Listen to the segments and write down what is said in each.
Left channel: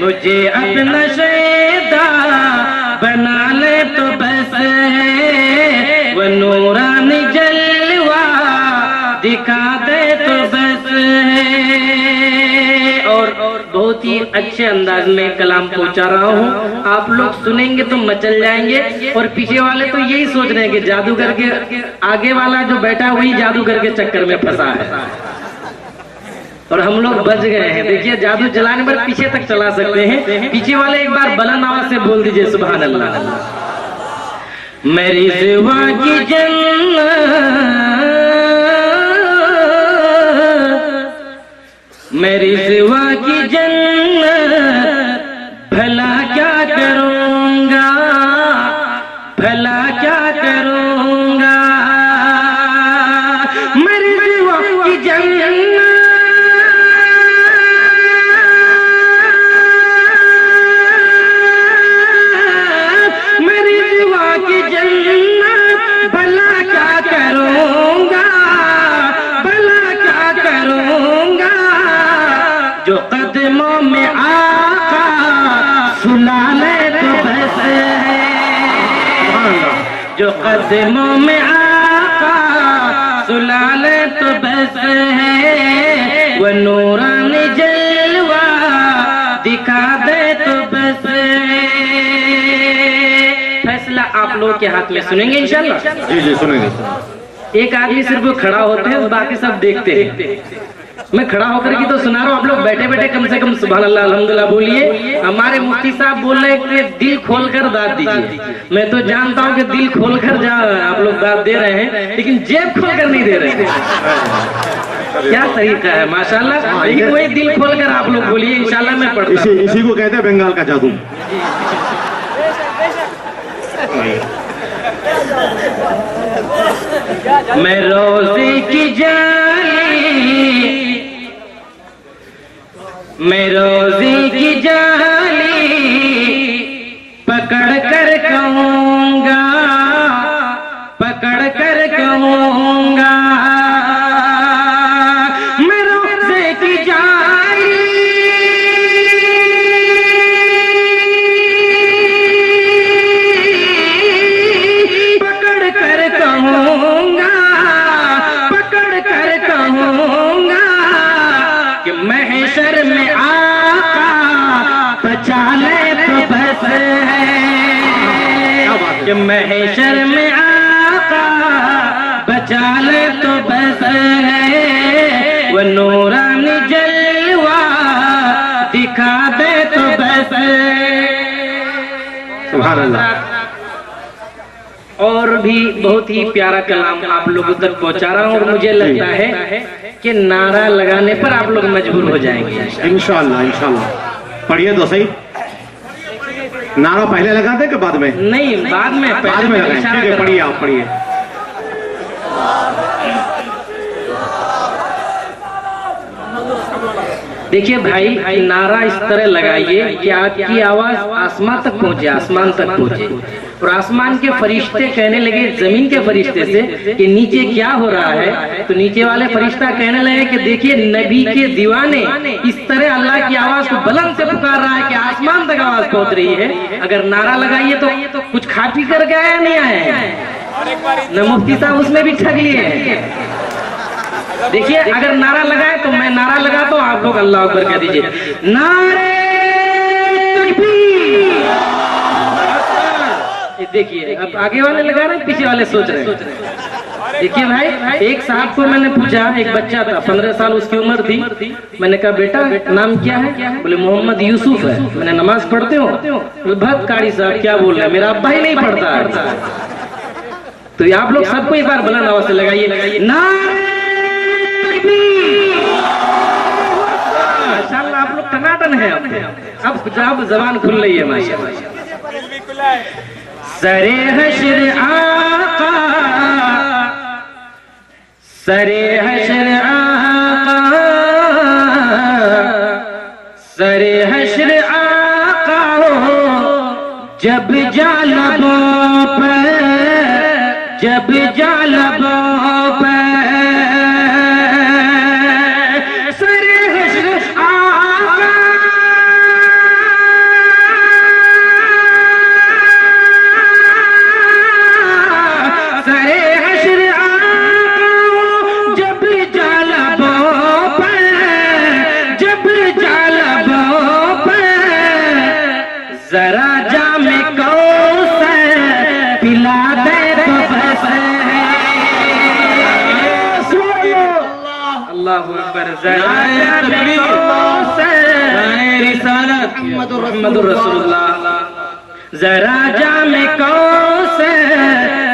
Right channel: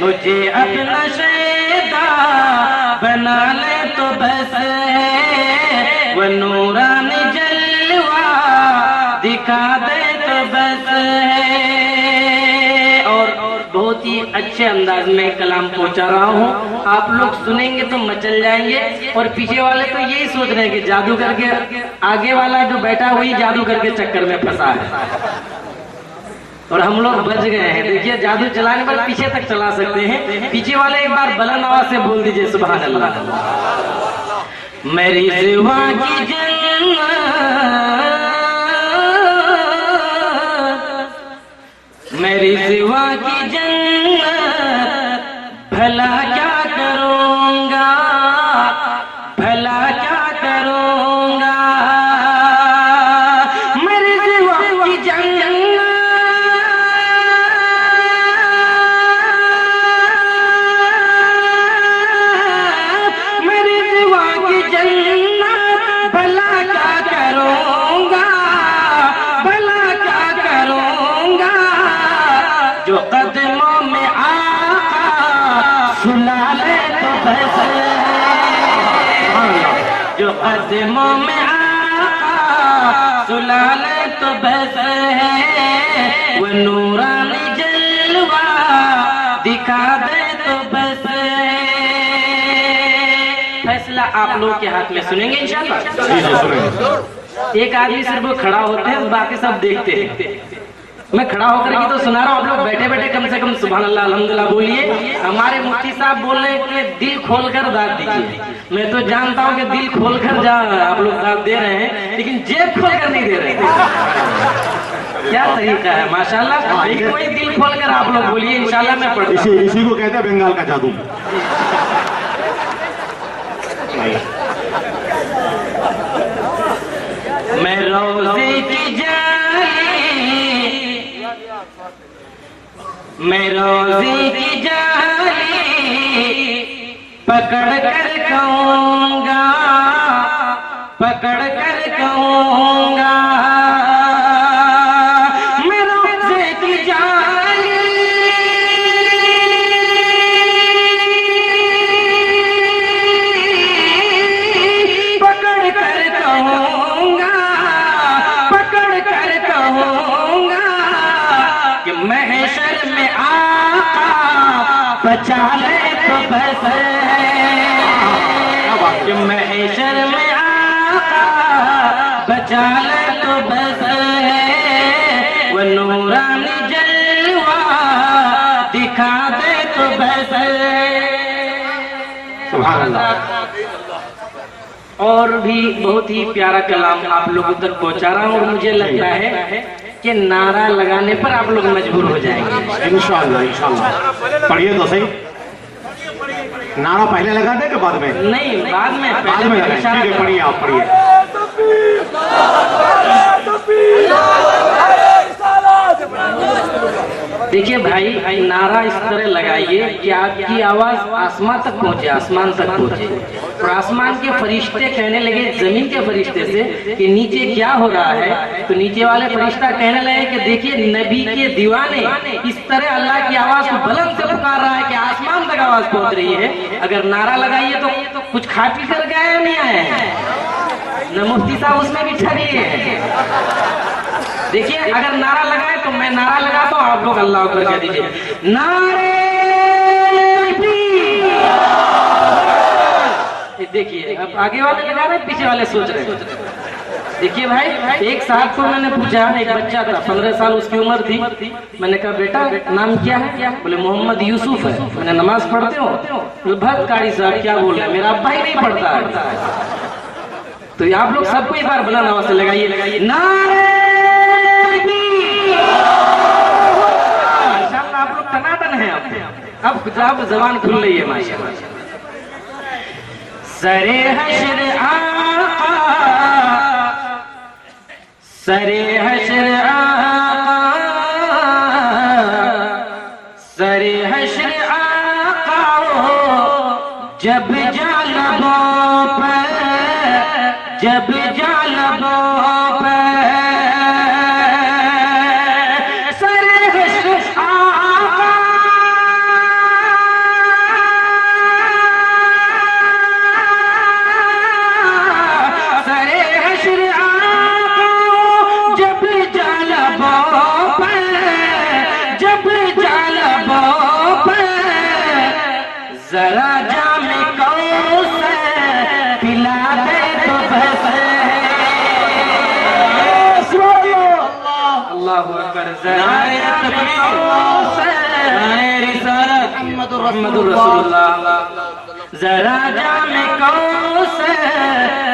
मुझे अपना शैदा बना ले तो बस है, वो नूरानी जलवा दिखा दे तो बस है। और बहुत ही अच्छे अंदाज में कलाम पहुंचा रहा हूँ, आप लोग सुनेंगे तो मचल जाएंगे। और पीछे वाले तो यही सोच रहे हैं कि जादूगर के आगे वाला जो बैठा वही जादूगर के चक्कर में फंसा है, और हम लोग बच गए हैं। देखिए जादू चलाने पर पीछे तक चला सकते हैं। पीछे वाले एक बार बुलंद आवाज से बोल दीजिए सुभान अल्लाह। मेरी सिवा की जन्नत, मेरी सिवा की जन्नत, भला क्या करूंगा, भला क्या करूंगा। मेरी सिवा की जन्नत, मेरी सिवा की जन्नत, भला क्या करूंगा, भला क्या करूंगा। जो कदमों में आका सुला ले तो बस है, जो कदमों में आका सुला ले तो बस है, वो नूरानी जलवा दिखा दे तो बस है। फैसला आप लोगों के हाथ में, सुनेंगे इंशाल्लाह? जी जी सुनेंगे। एक आदमी सिर्फ खड़ा होते हैं, बाकी सब देखते हैं। मैं खड़ा होकर की तो सुना रहा हूँ, आप लोग बैठे बैठे कम से कम सुभान अल्लाह अल्हम्दुलिल्लाह बोलिए। हमारे मुफ्ती साहब बोल रहे हैं कि दिल खोलकर दाद दीजिए। मैं तो जानता हूँ कि दिल खोलकर आप लोग दाद दे रहे हैं, लेकिन जेब खोलकर नहीं दे रहे। क्या तरीका है माशाल्लाह। लेकिन वही दिल खोलकर आप लोग बोलिए इंशाल्लाह। मैं पढ़ता हूँ, इसी को कहते हैं बंगाल का जादू। मैं रोज़ी की जाली, मैं रोज़ी की जाली पकड़ कर कहूँगा, पकड़ कर कहूँगा। मैं रोज़ी की जाली पकड़ कर कहूँगा, पकड़ कर कहूँगा कि महशर में आका बचा ले तो बस है, कि महशर में आका बचा ले तो बस है, वो नूरानी जलवा दिखा दे तो बस है। सुभान अल्लाह। और भी बहुत ही प्यारा कलाम आप लोगों तक पहुंचा रहा हूँ, और मुझे लगता है कि नारा लगाने पर आप लोग मजबूर हो जाएंगे इंशाअल्लाह इंशाअल्लाह। पढ़िए तो सही। नारा पहले लगा दे कि बाद में? नहीं, बाद में, बाद में लगाएं। ठीक है, पढ़िए आप पढ़िए। देखिए भाई, नारा इस तरह लगाइए कि आपकी आवाज आसमान तक पहुंचे, आसमान तक पहुंचे। और आसमान के फरिश्ते कहने लगे जमीन के फरिश्ते से कि नीचे क्या हो रहा है। तो नीचे वाले फरिश्ता कहने लगे कि देखिए नबी के दीवाने इस तरह अल्लाह की आवाज को बुलंद से पुकार रहा है कि आसमान तक आवाज पहुंच रही है। अगर नारा लगाइए तो कुछ खा पी कर गए या नहीं आए हैं? न मुफ्ती साहब उसमें भी ठग लिए हैं। देखिए अगर नारा लगाए तो मैं नारा लगाता हूँ, आप लोग अल्लाह अकबर कह दीजिए। नारे तकबीर। देखिए अब आगे वाले लगा रहे हैं, पीछे वाले सोच रहे हैं। देखिए भाई, एक साहब को मैंने पूछा, एक बच्चा था 15 साल उसकी उम्र थी। मैंने कहा बेटा नाम क्या है? बोले मोहम्मद यूसुफ है। मैंने नमाज पढ़ते हो? बहुत कारी साहब क्या बोल रहे हैं, मेरा अब्बा ही नहीं पढ़ता है। तो आप लोग सबको एक बार बुलंद आवाज से लगाइए नारे। माशाअल्लाह आप लोग टनाटन है। अब जबान खुल रही है माशाअल्लाह। सरे हश्र आका, सरे हश्र आका, सरे हश्र आका जब जालबों पर, जब जालबों पर सरे हश्र आका जरा जाम कौसर पिला दे तो बस है। अल्लाहु अकबर। जरा जाम कौसर रिसालत मुहम्मदुर रसूलुल्लाह। जरा जाम कौसर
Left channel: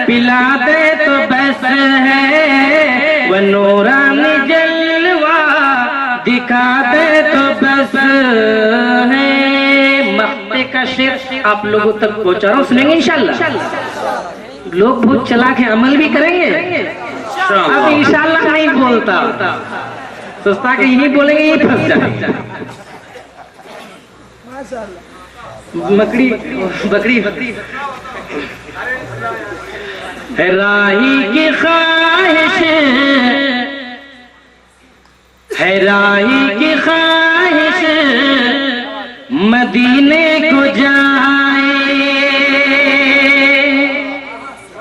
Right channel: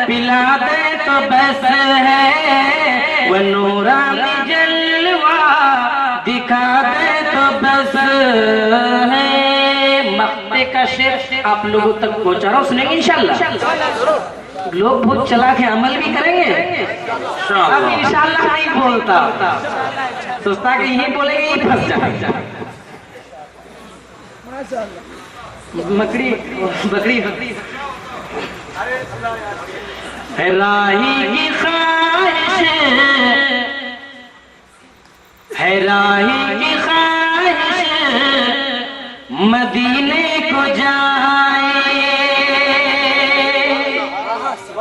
पिला दे तो बस है, वो नूरानी जलवा दिखा दे तो बस है। मख्ते का शेर आप लोगों तक पहुंचा रहा हूँ, सुनेंगे इंशाल्लाह। लोग बहुत चलाक हैं, अमल भी करेंगे। अब इंशाल्लाह नहीं बोलता, सोचता कि यही बोलेंगे यही फंस जाए। बकरी राही की ख्वाहिश है, राही की ख्वाहिश मदीने को जाए।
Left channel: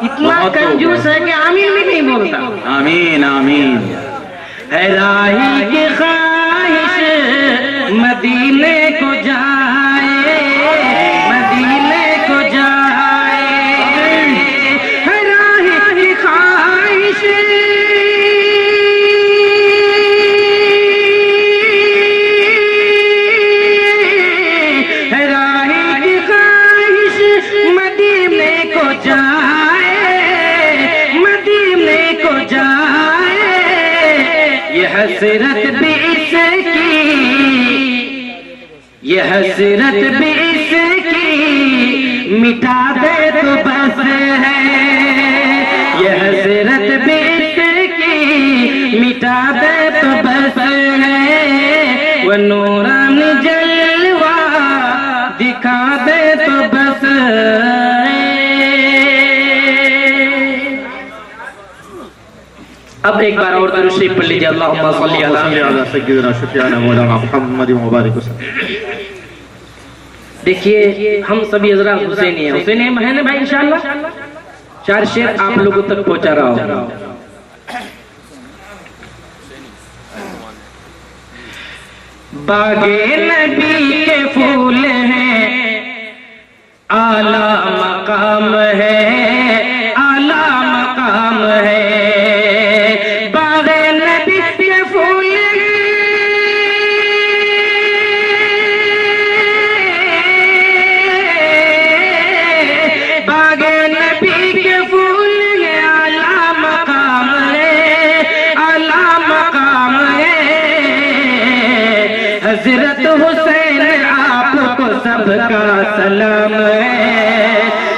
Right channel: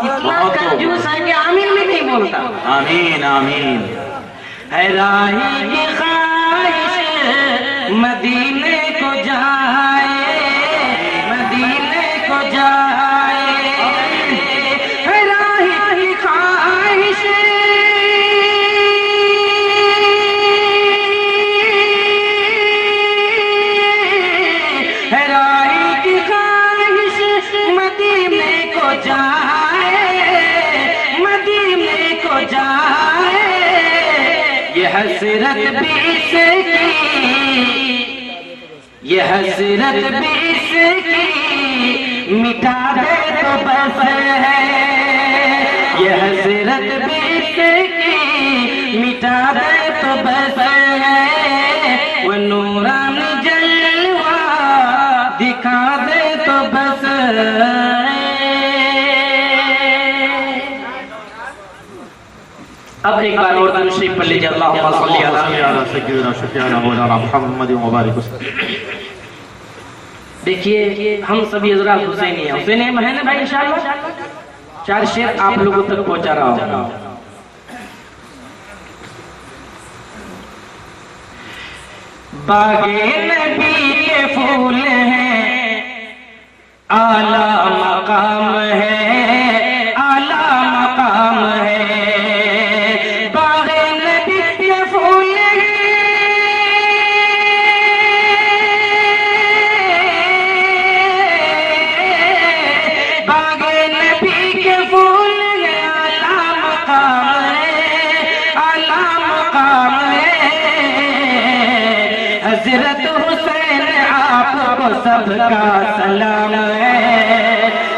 इतना कंजूस है कि आमीन भी नहीं बोलता। आमीन आमीन। है राही की ख्वाहिश मदीने को जाए, मदीने को जाए। है राही की ख्वाहिश, है राही की ख्वाहिश मदीने को जाए, मदीने को जाए। ये हसरत भी इसकी, ये हसरत भी इसकी मिटा दे तो बस है। ये हसरत भी इसकी मिटा दे तो बस है, वो नूरानी जलवा दिखा दे तो बस है। अब एक बार और दुरूद शरीफ पढ़ लीजिए। अल्लाहुम्मा सल्ली अला सय्यिदिना शफीअना मौलाना मुहम्मद व बारिक वसल्लम। देखिए हम सभी हजरात हुसैनी हैं, हुसैनी है ना भाई। इंशाल्लाह 4 शेर आप लोगों तक पहुंचा रहा हूं। बागे नबी के फूल हैं, आला मकाम है, आला मकाम है। बागे नबी के फूल हजरत हुसैन आपको सबका सलाम है,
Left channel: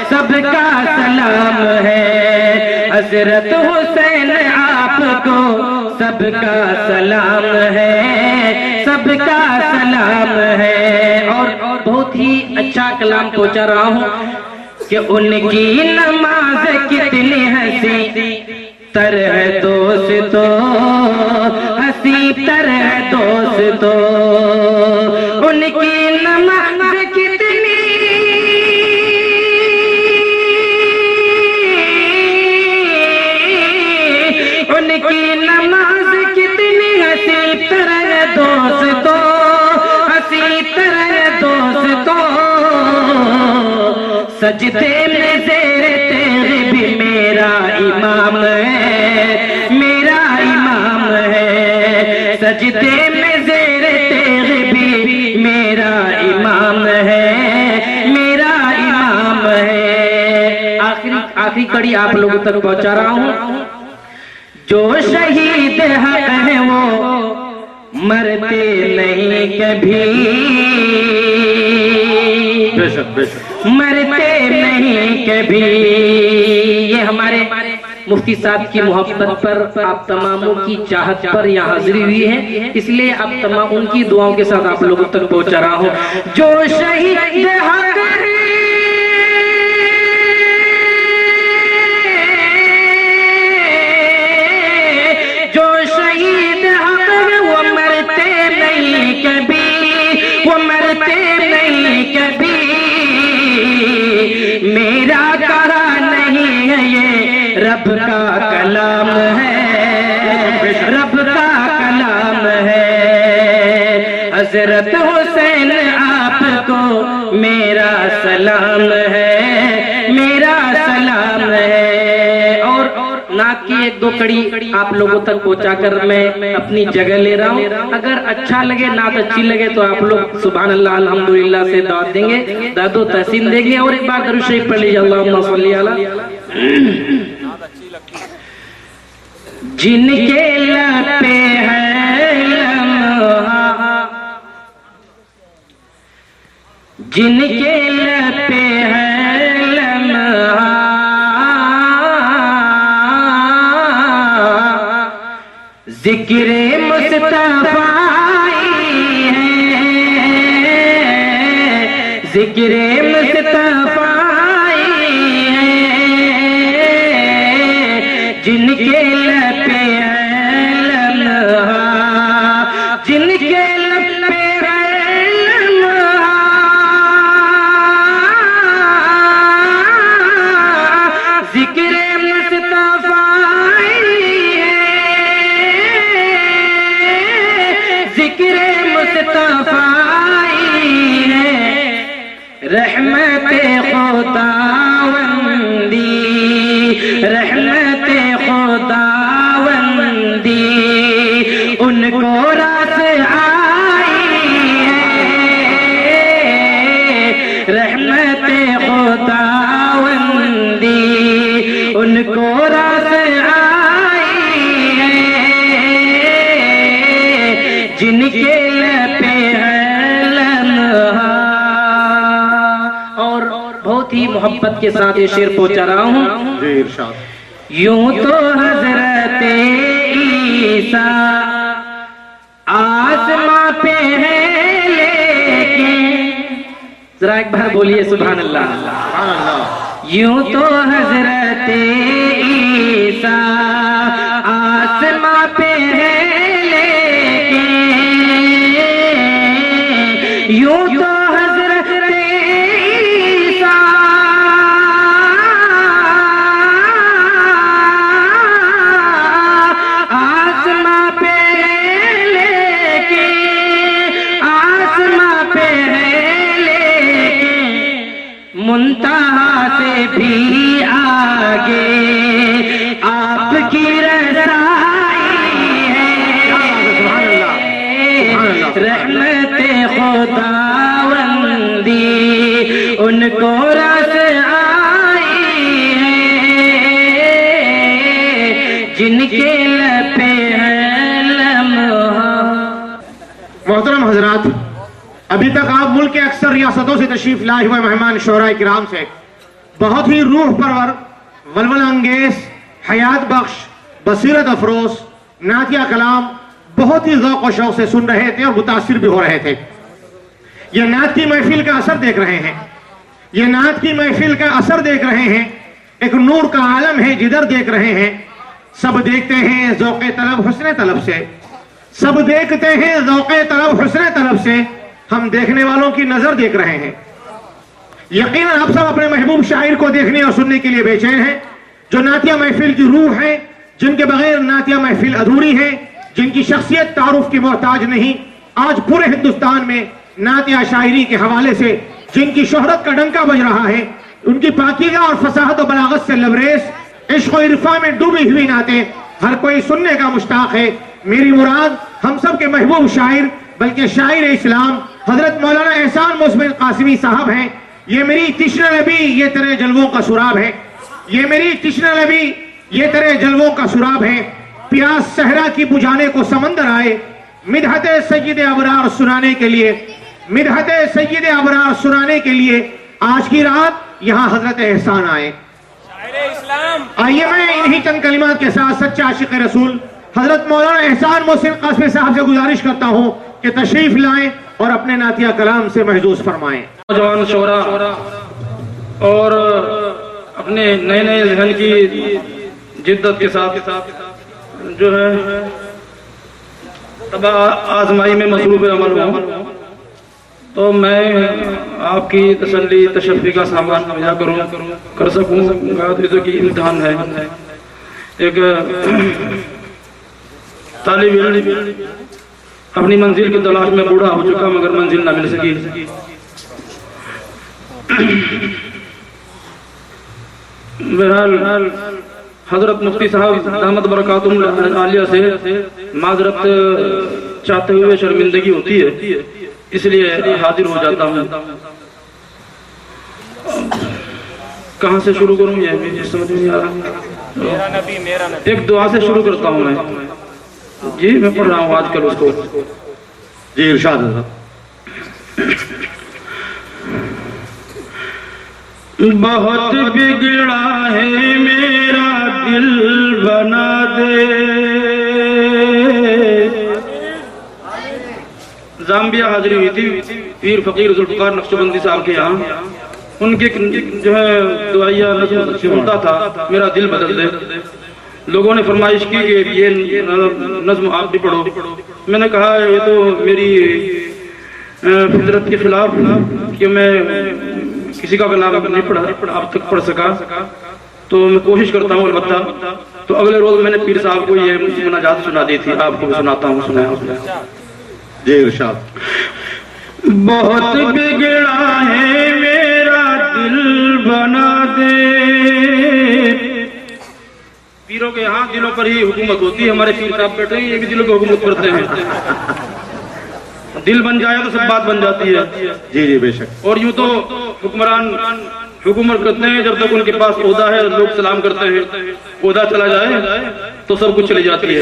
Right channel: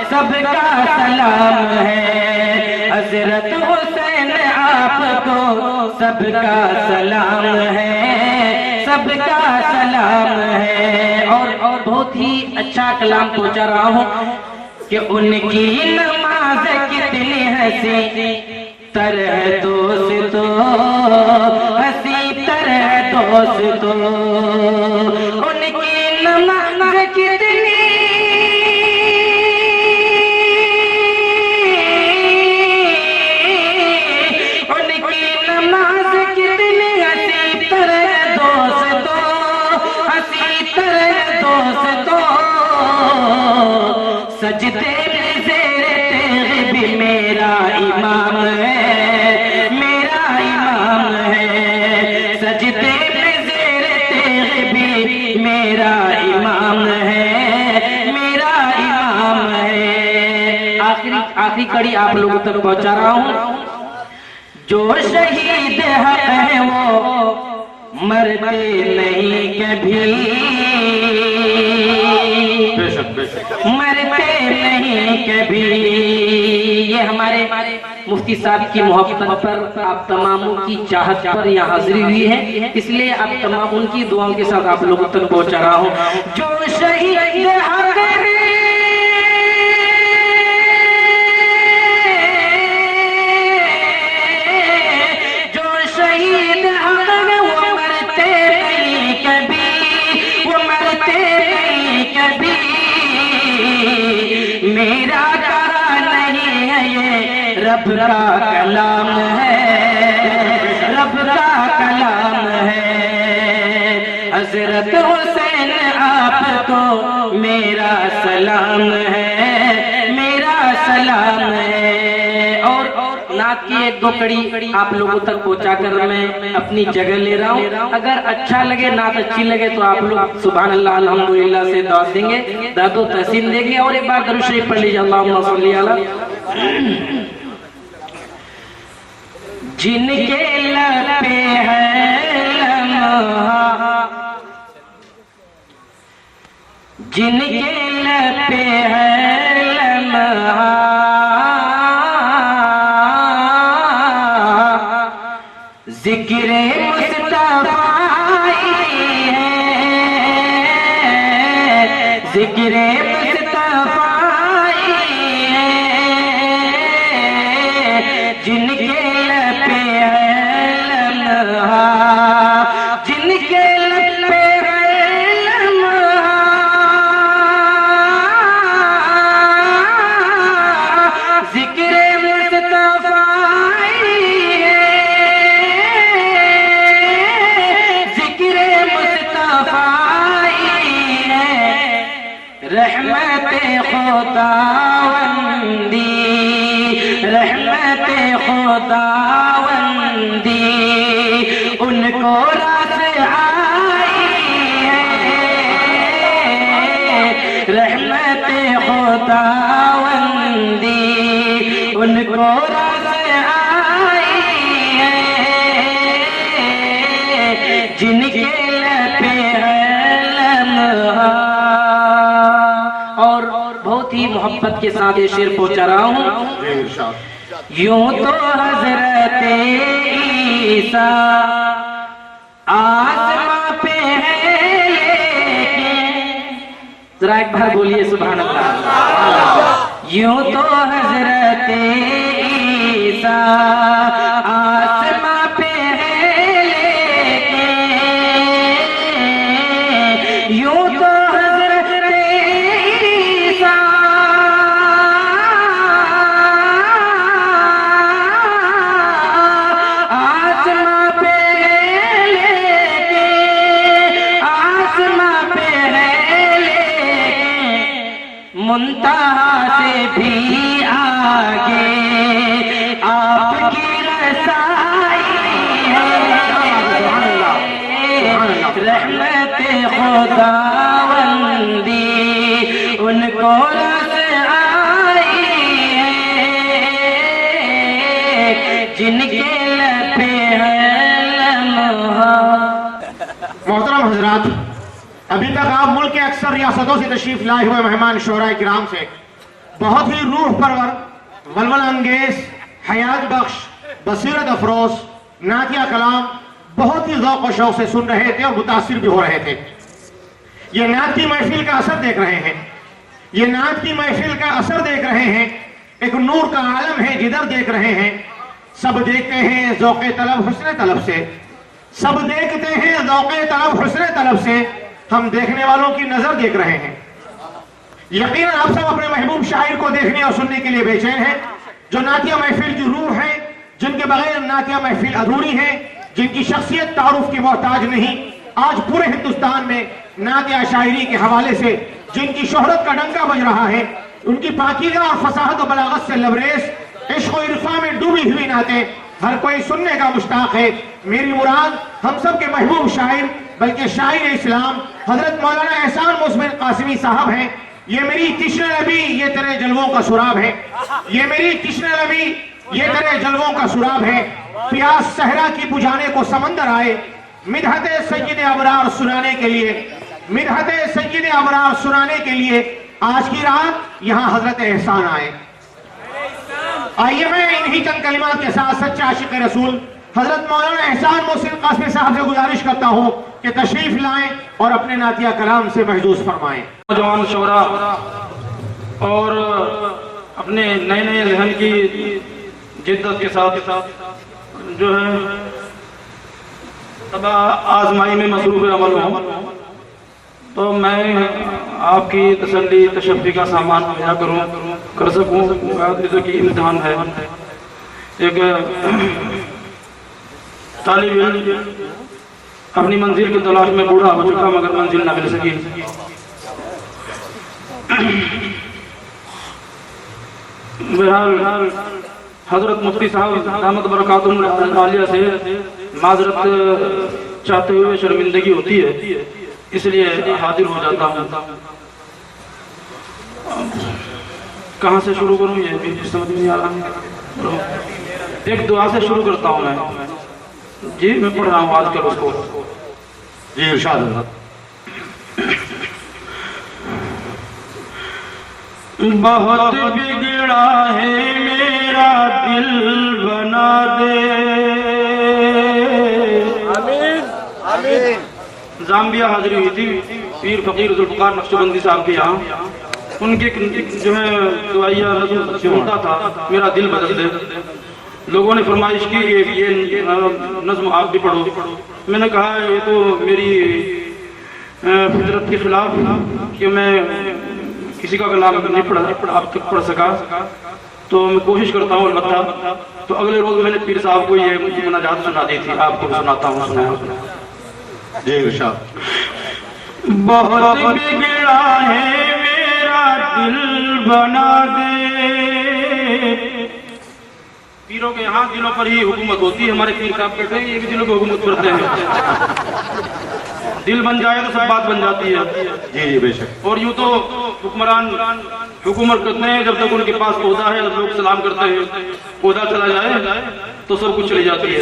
सबका सलाम है। हजरत हुसैन आपको सबका सलाम है, सबका सलाम है। और बहुत ही अच्छा कलाम पहुंचा रहा हूँ कि उनकी नमाज कितनी हंसी तर है दोस्तों, हंसी तर है दोस्तों। उनकी नमाज कितनी, उनकी नमाज कितनी हंसी तर है दोस्तों, हंसी तर है दोस्तों। सजदे में ज़ेरे तेरे भी मेरा इमाम है, मेरा इमाम है। सजदे में ज़ेरे तेरे भी मेरा इमाम है, मेरा इमाम है। आखिरी कड़ी आप लोगों तक पहुंचा रहा हूं। जो शहीद हक है वो मरते नहीं कभी, मरते नहीं कभी। ये हमारे मुफ्ती साहब की मोहब्बत पर, आप तमामों की चाहत पर यहाँ हाजिरी हुई है, इसलिए आप तमाम उनकी दुआओं के साथ आप लोगों तक पहुंचा रहा हूँ। जो शहीद हक है, जो शहीद हक है वो मरते नहीं कभी, वो मरते नहीं कभी। मेरा कहा नहीं है ये रब का कलाम है, रब का कलाम है। हजरत हुसैन आपको मेरा सलाम है, मेरा सलाम है। और नात की एक दो कड़ी आप लोगों तक पहुंचा कर मैं अपनी जगह ले रहा हूँ। अगर अच्छा लगे, नात अच्छी लगे तो आप लोग सुभान अल्लाह अल्हम्दुलिल्लाह से दाद देंगे, दादो तहसीन देंगे। और एक बार दरूद शरीफ पढ़ लीजिए, अल्लाहुम्मा सल्ली अला। जिनके लब पे है लम्हा, जिनके लब पे है लम्हा, जिक्रे मुस्तफाई है, जिक्रे मुस्तफाई है। जिनके लब पे है लम्हा, जिनके लब पे है लम्हा, जिक्रे मुस्तफाई रहमते खुदावंदी, रहमते खुदावंदी उनको रास आई है। रहमते खुदावंदी उनको रास आई है। जिनके लपे मोहब्बत के साथ ये शेर पहुंचा रहा हूँ। यूं तो हजरत ईसा आसमां पे है, लेकिन जरा एक बार बोलिए सुभान अल्लाह। यूं तो हजरत ईसा आसमां पे है, लेकिन यूं तो मुंतहा से भी आगे आपकी रसाई है। रहमते खुदावंदी उनको रस आई है। जिनके लपे है लम्हा। मोहतरम हजरात, अभी तक आप मुल्क के अक्सर रियासतों से तशरीफ लाए हुए मेहमान शोहराए किराम से बहुत ही रूह परवर, वलवल अंगेज, हयात बख्श, बसीरत अफरोज नातिया कलाम बहुत ही ज़ौक़ और शौक़ से सुन रहे थे और मुतासिर भी हो रहे थे। ये नात की महफिल का असर देख रहे हैं, ये नात की महफिल का असर देख रहे हैं। एक नूर का आलम है, जिधर देख रहे हैं सब देखते हैं ज़ौक़े तलब हुस्ने तलब से, सब देखते हैं ज़ौक़े तलब हुस्ने तलब से। हम देखने वालों की नजर देख रहे हैं। यकीनन आप सब अपने महबूब शायर को देखने और सुनने के लिए बेचैन हैं, जो नातिया महफिल की रूह है, जिनके बगैर नातिया महफिल अधूरी है, जिनकी शख्सियत तारुफ की मोहताज नहीं। आज पूरे हिंदुस्तान में नातिया शायरी के हवाले से जिनकी शोहरत का डंका बज रहा है, उनकी पाकीज़ा और फसाहत और बलागत से लबरेज, इश्क और इरफा में डूबी हुई नातें हर कोई सुनने का मुश्ताक है। मेरी मुराद हम सब के महबूब शायर बल्कि शायर इस्लाम हजरत मौलाना एहसान मुस्मिन कासिमी साहब हैं। ये मेरी तिश्न नबी ये तेरे जलवों का सुराब है, ये मेरी तिश्न नबी ये तेरे जलवों का सुराब है। प्यास सहरा की बुझाने को समंदर आए, मिदहते सय्यद अबरार सुनाने के लिए, मिदहते सय्यद अबरार सुनाने के लिए आज की रात यहाँ हजरत एहसान आए। आइए मैं इन्हीं चंद कलिमात के साथ सच्चा आशिक रसूल हजरत मौलाना एहसान मुस्लिम कासिमी साहब से गुजारिश करता हूँ कि तशरीफ लाएं और अपने नातिया कलाम से महजूज फरमाएं। नौजवान शोहरा और अपने नए नए जहन की जिद्दत के साथ जो है तब आजमाई में मसरूफ अमल हो, तो मैं आपकी तसल्ली तशफ़ी का सामान मुहैया कर सकूँ। जैसे कि इम्तिहान है, एक तालिब इल्म अपनी मंजिल की तलाश में बूढ़ा हो चुका मगर मंजिल न मिल सकी। बहरहाल हजरत मुफ्ती साहब दामद बरकातुहुल आलिया से माजरत चाहते हुए शर्मिंदगी होती है, इसलिए हाजिर हो जाता हूँ। कहाँ से शुरू करूँ ये भी समझ में नहीं आ रहा। एक दुआ से शुरू करता हूँ मैं। जी मैं पढ़ रहा हूँ आजकल उसको। जी इरशाद हज़रत। बहुत बिगड़ा है मेरा दिल बना दे। जाम्बिया हाजिरी हुई थी पीर फकीर जुल्फ़िकार नक्शबंदी साहब के यहाँ। उनके जो है दुआइया नज़्म सुनता था, मेरा दिल बदल दे। लोगों ने फरमाइश की कि ये नज़्म आप भी पढ़ो। मैंने कहा ये तो मेरी फितरत के खिलाफ कि मैं किसी का कलाम नहीं पढ़ा, अब तक पढ़ सका, तो मैं कोशिश करता हूँ अलबत्ता। तो अगले रोज मैंने पीर साहब को ये मुनाजात सुना दी थी, आपको भी सुनाता हूँ। सुनाया जी इरशाद। बहुत बिगड़ा है मेरा दिल बना दे। पीरों के यहाँ दिलों पर ही हुकूमत होती है। हमारे पीर साहब बैठे हैं, ये भी दिलों की हुकूमत करते हैं। दिल बन जाए तो सब बात बन जाती है। जी जी बेशक। और यूं तो हुक्मरान हुकूमत करते हैं जब तक उनके पास ओहदा है, लोग सलाम करते हैं। ओहदा चला जाए तो सब कुछ चली जाती है।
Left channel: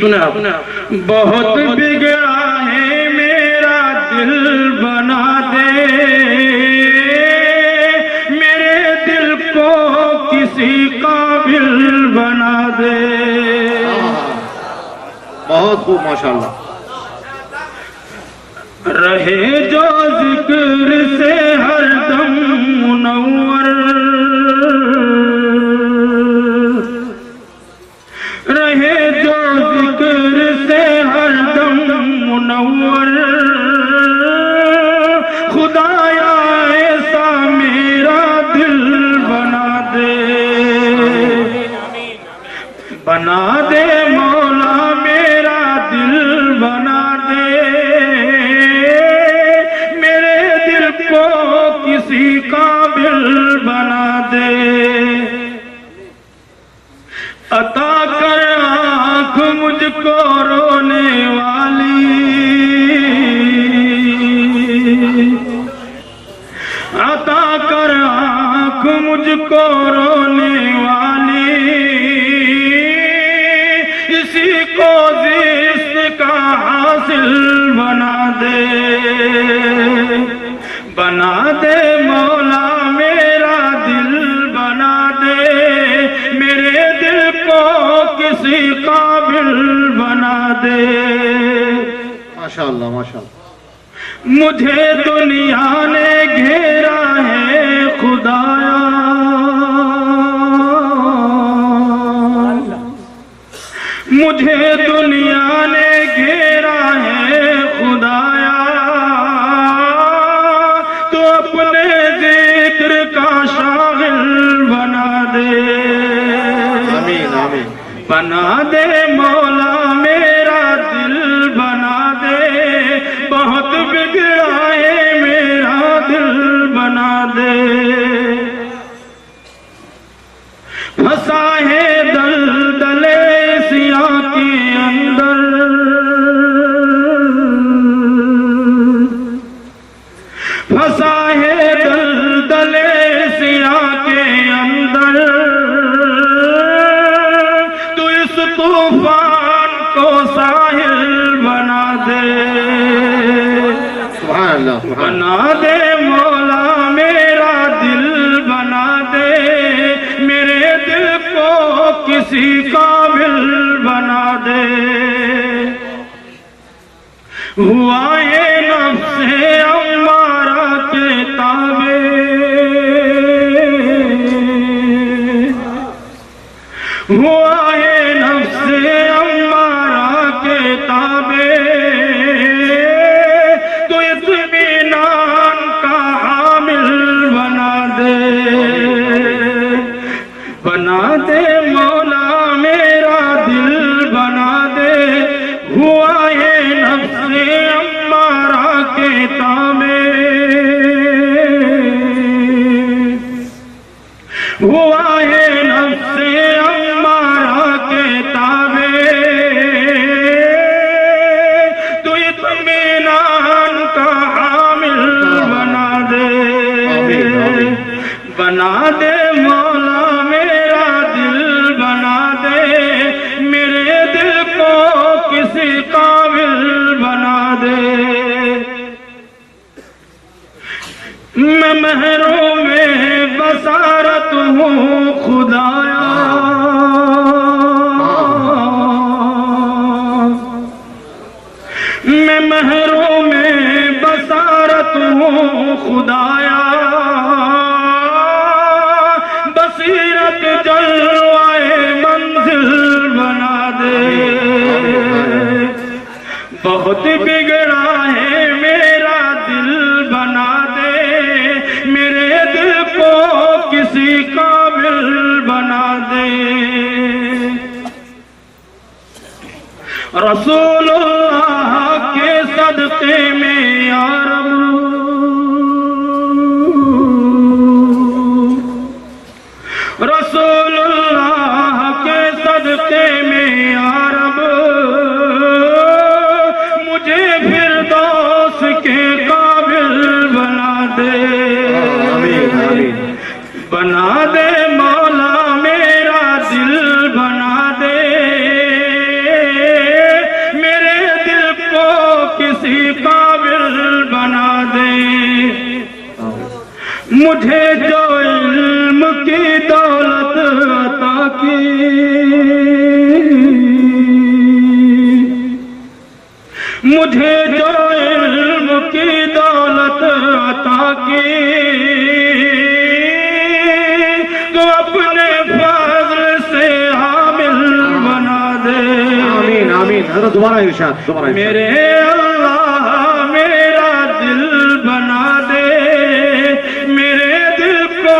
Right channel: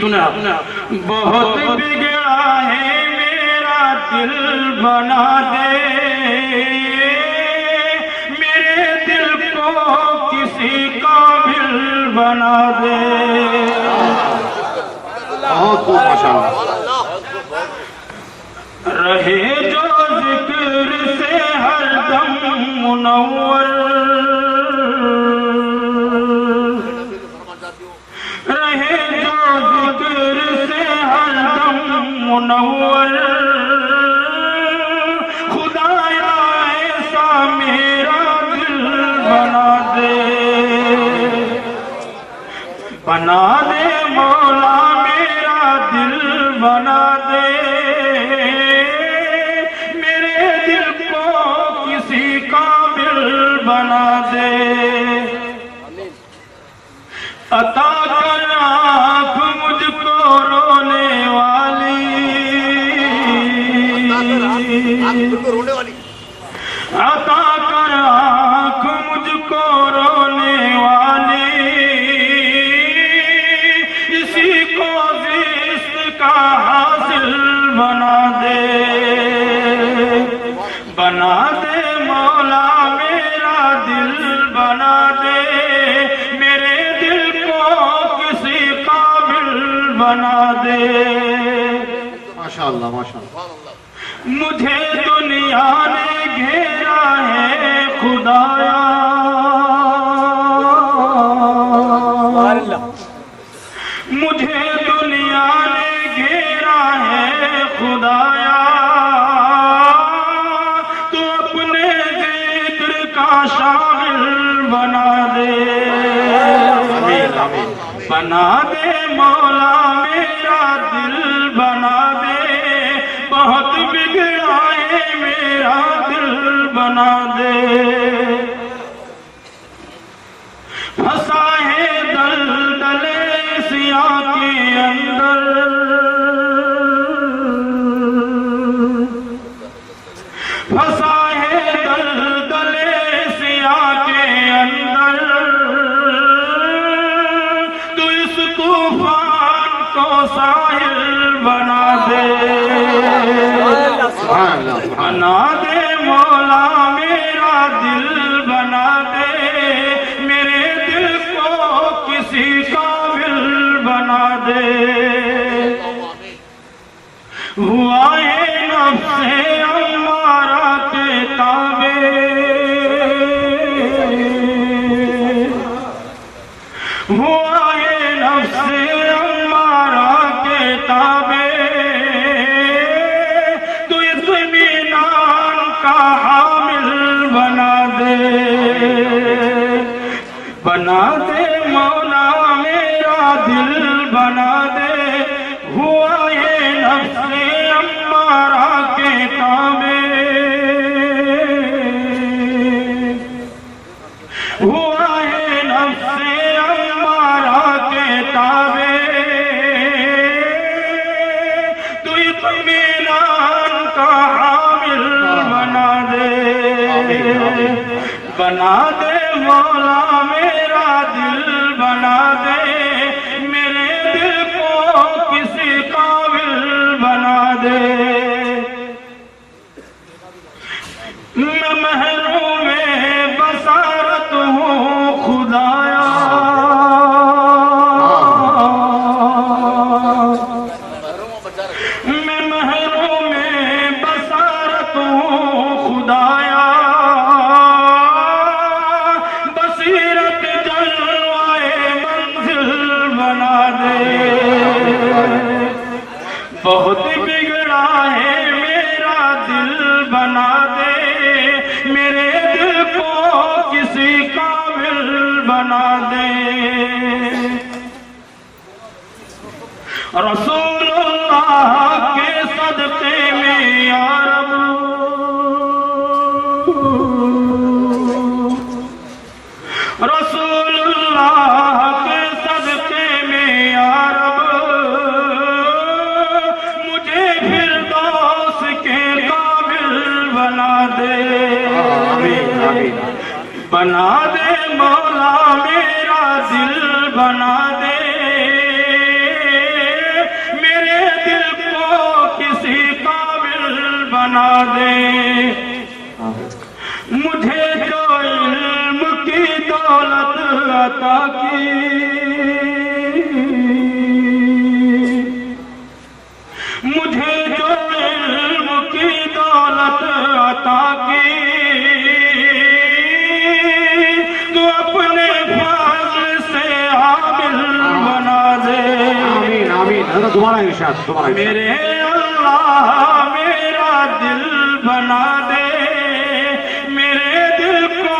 सुने आप। बहुत बिगड़ा है मेरा दिल बना दे, मेरे दिल को किसी काबिल बना दे। बहुत खूब माशाअल्लाह। रहे जो जिक्र से हरदम मुनव्वर, रहे जो जिक्र से हरदम मुनव्वर। खुदाया ऐसा मेरा दिल बना दे, बना दे मौला मेरा दिल बना दे। मेरे दिल को किसी काबिल बना दे। अता कर आँख मुझको रोने वाली, अता कर आँख मुझको रोने वाली। इसी को जिस्म का हासिल बना दे, बना दे मौला मेरा दिल बना दे। मेरे दिल को किसी काबिल बना दे। माशाअल्लाह माशाअल्लाह। मुझे दुनिया ने घेरा है खुदाया, मुझे दुनिया ने घेरा है खुदाया। तो अपने जिक्र का शागिल बना दे, आमीन आमीन। बना दे मौला मेरा दिल बना दे। बहुत बिगड़ा है मेरा दिल बना दे। फंसा है दलदले सिया के अंदर, फंसा है दलदले सिया के अंदर। तो इस तूफान को साहिल बना दे, सुभान अल्लाह सुभान। बना दे मौला मेरा दिल बना दे। मेरे दिल को किसी काबिल बना दे। हुआ है नफ्से अम्मारा के ताबे, हुआ है नफ्से अम्मारा के ताबे। तो इत्मीनान का हामिल बना दे, बना दे मौला मेरा दिल बना दे। हुआ ये नफ्से अम्मारा के ताबे। बना दे मौला मेरा दिल बना दे, मेरे दिल को किसी काबिल बना दे। मैं महरों में बसारत हूँ खुदाया, मैं महरों में बसारत हूँ खुदाया, बसीरत जलवाए मंजिल बना दे। बहुत बिगड़ा है मेरा दिल बना दे, मेरे दिल को किसी काबिल बना दे। रसूलुल्लाह के सदक़े में या रब, रसूलुल्लाह के सदक़े में या रब, मुझे फिरदौस के काबिल बना दे। बना दे मौला मेरा दिल बना दे, मेरे दिल को किसी काबिल बना दे। मुझे जो इल्म की दौलत अता की, मुझे जो इल्म की दौलत अता की, तो अपने फज़ल से हामिल बना दे। आमीन आमीन। हज़रत दोबारा इरशाद, दोबारा इरशाद। मेरे अल्लाह मेरा दिल बना दे, मेरे दिल को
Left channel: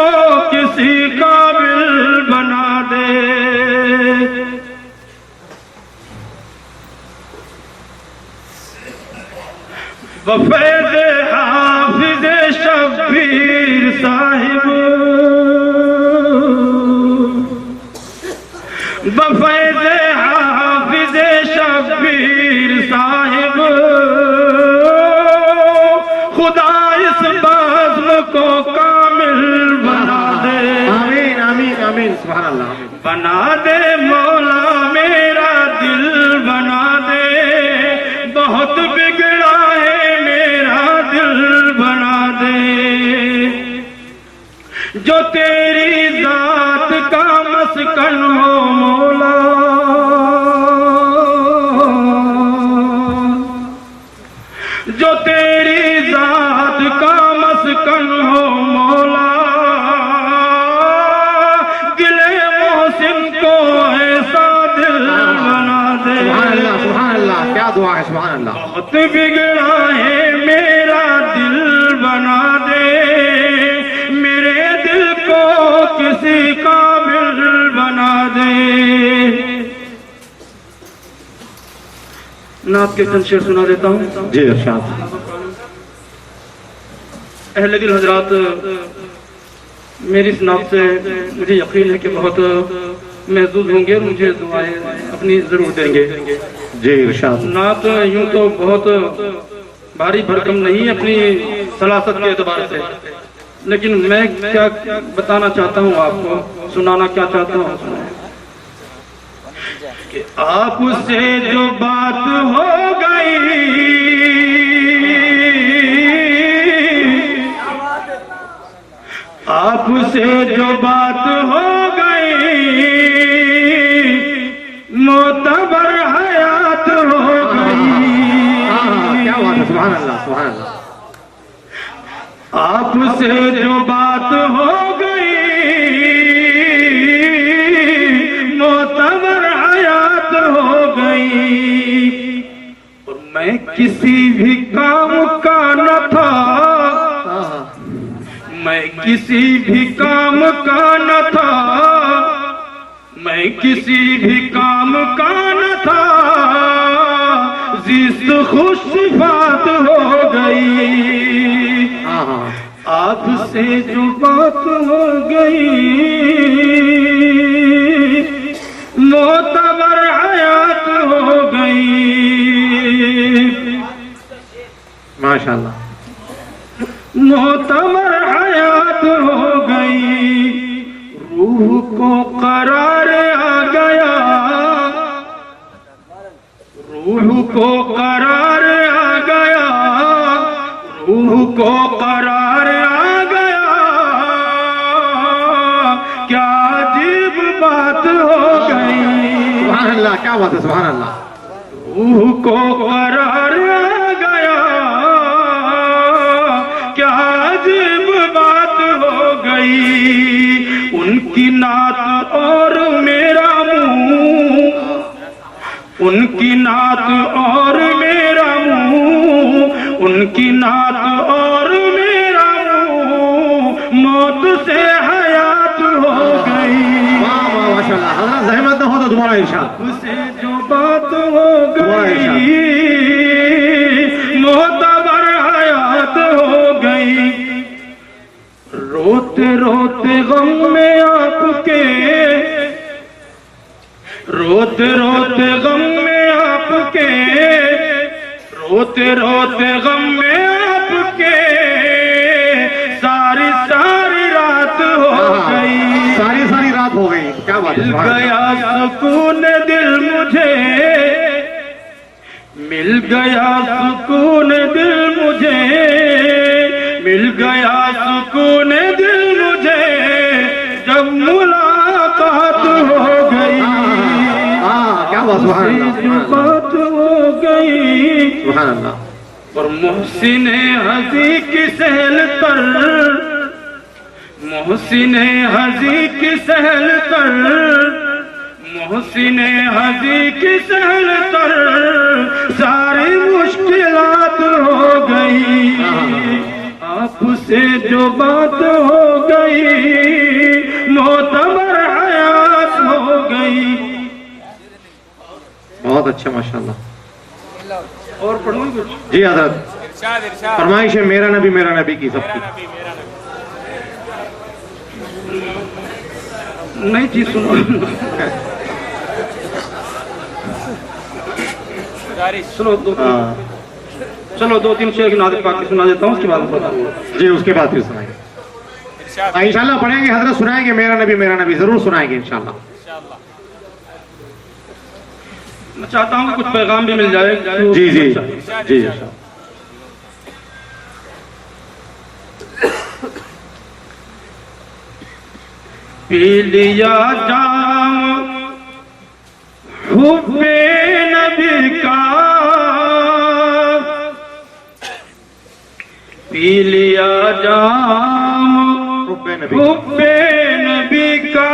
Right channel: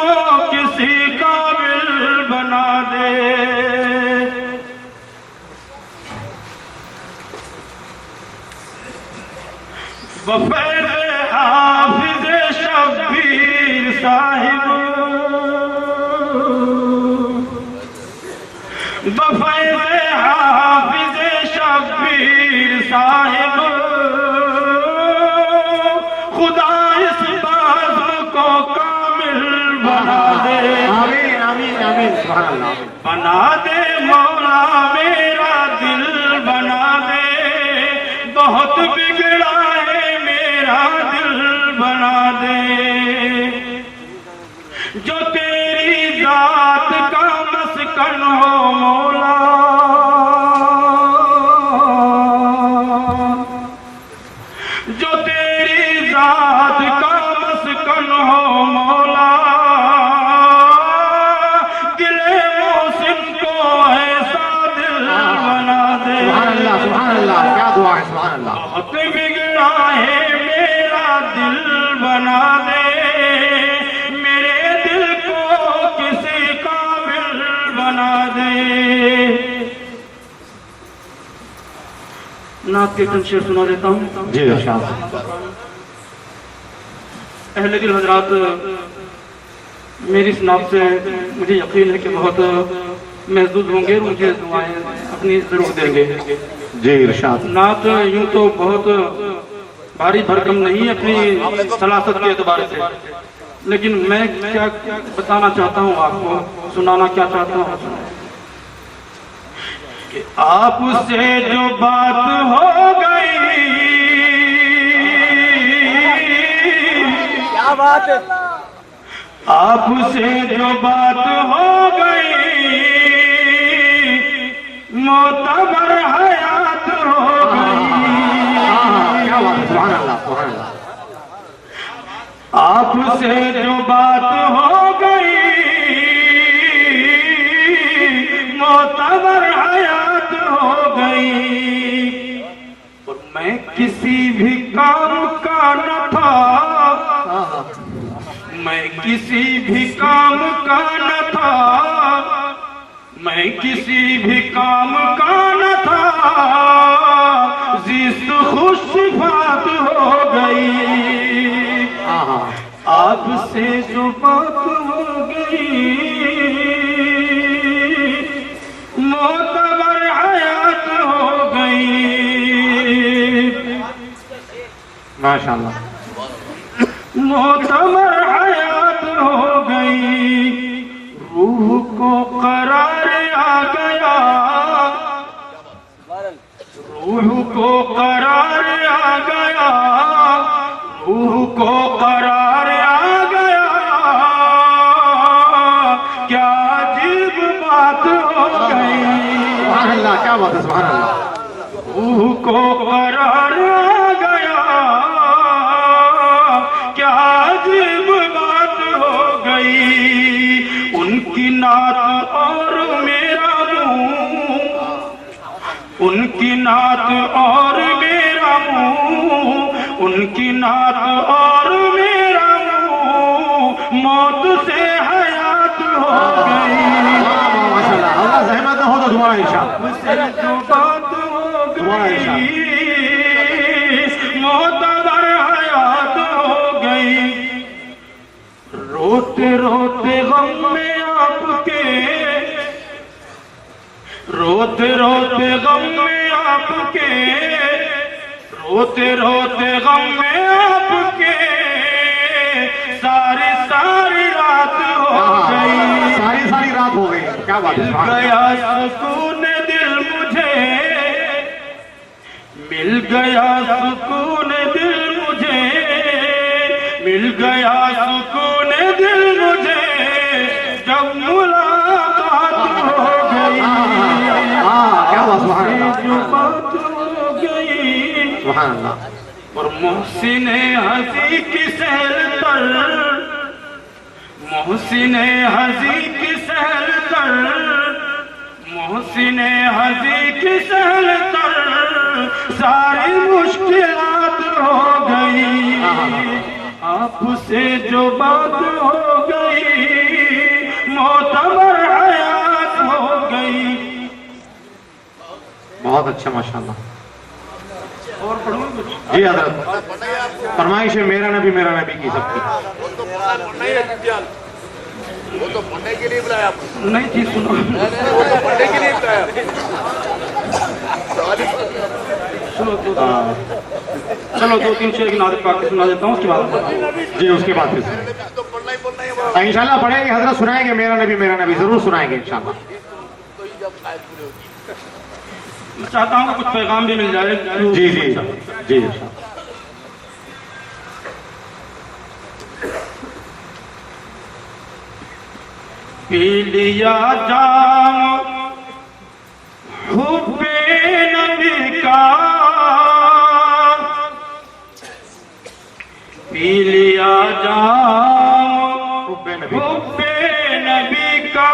किसी काबिल बना दे। बफैज़ हाफिज़ शब्बीर साहिब, बफैज़ हाफिज़ शब्बीर साहिब, खुदा इस बज़्म को कामिल बना दे। आमीन आमीन आमीन। सुभान अल्लाह। आमीन। बना दे मौला मेरा दिल बना दे, बहुत बिगड़ा है मेरा दिल बना दे। जो तेरी जात का मस्कन हो मौला, जो तेरी जात का मस्कन हो मौला, दिले मोहसिन को ऐसा दिल बना दे। सुभान अल्लाह, क्या दुआ है। सुभान अल्लाह। बहुत बिगड़ा है मेरा दिल बना दे, मेरे दिल को किसी काबिल बना दे। नात के चंद शेर सुना देता हूँ। जी इरशाद। अहले दिल हजरात, मेरी इस नात से मुझे यकीन है कि बहुत महसूस होंगे और मुझे दुआएं अपनी जरूर देंगे। जी इरशाद। नात यूं तो बहुत भारी भरकम नहीं है अपनी सलासत के एतबार से, लेकिन मैं क्या बताना चाहता हूँ आपको, सुनाना क्या चाहता हूँ कि आपसे जो बात हो गई, आपसे जो बात हो गई, मोतबर हयात हो गई। क्या बात है। सुभान अल्लाह। सुभान अल्लाह। आपसे जो बात हो गई, मोतबर हयात हो गई। और मैं किसी भी काम का न था, मैं किसी भी काम का न था, मैं किसी भी काम का न था, जिस खुशबात हो गई। आपसे जो बात हो गई, मोतबर हयात हो गई। माशाअल्लाह। मोतबर हयात हो गई। रूह को करार आ गया, रूह को करार आ गया, रूह को करार आ गया। क्या अजीब बात हो गई। सुभान अल्लाह, क्या बात है, सुभान अल्लाह। रूह को करार आ गया, क्या अजीब बात हो गई। उनकी नात और मेरा मुंह, उनकी नात और मेरा मुंह, उनकी नात और मेरा मुंह मौत से हयात हो गई। वाह वाह माशाल्लाह। हजरत जहमत न हो तो तुम्हारा इरशाद। मुझसे जो बात हो गई, मोतबर हयात हो गई। रोते रोते गम में आपके, रोते रोते गम में आपके, रोते रोते गम में आपके सारी सारी रात हो गई। सारी सारी रात हो गई, क्या बात है, मिल सुभान अल्लाह। गया सुकून दिल मुझे, मिल गया सुकून दिल मुझे, मिल गया सुकून दिल मुझे जब मुलाकात हो गई। क्या बात, सुभान अल्लाह, जो बात हो गई। सुभान अल्लाह। और मोहसिन हजी की सहल तर, मोहसिन हजी की सहल तर, मोहसिन हजी की सहल तर सारी मुश्किलात हो गई। आपसे जो बात हो गई, मोतबर हयात हो गई। बहुत अच्छा माशाल्लाह। और पढ़ूंगी कुछ? जी हजरत, फरमाइश है मेरा नबी की सबकी। नहीं चीज सुनो। सुनो चलो दो तीन शेर की नाज़िल पाक सुना देता हूँ, उसके बाद बताऊँ। जी उसके बाद फिर सुनाएंगे इंशाल्लाह, पढ़ेंगे हजरत, सुनाएंगे मेरा नबी जरूर सुनाएंगे इंशाल्लाह। मैं चाहता हूँ कि कुछ पैगाम भी मिल जाए। जी जी जी इंशाल्लाह। पी लिया जाम हुब्बे नबी का, पी लिया जाम हुब्बे नबी का,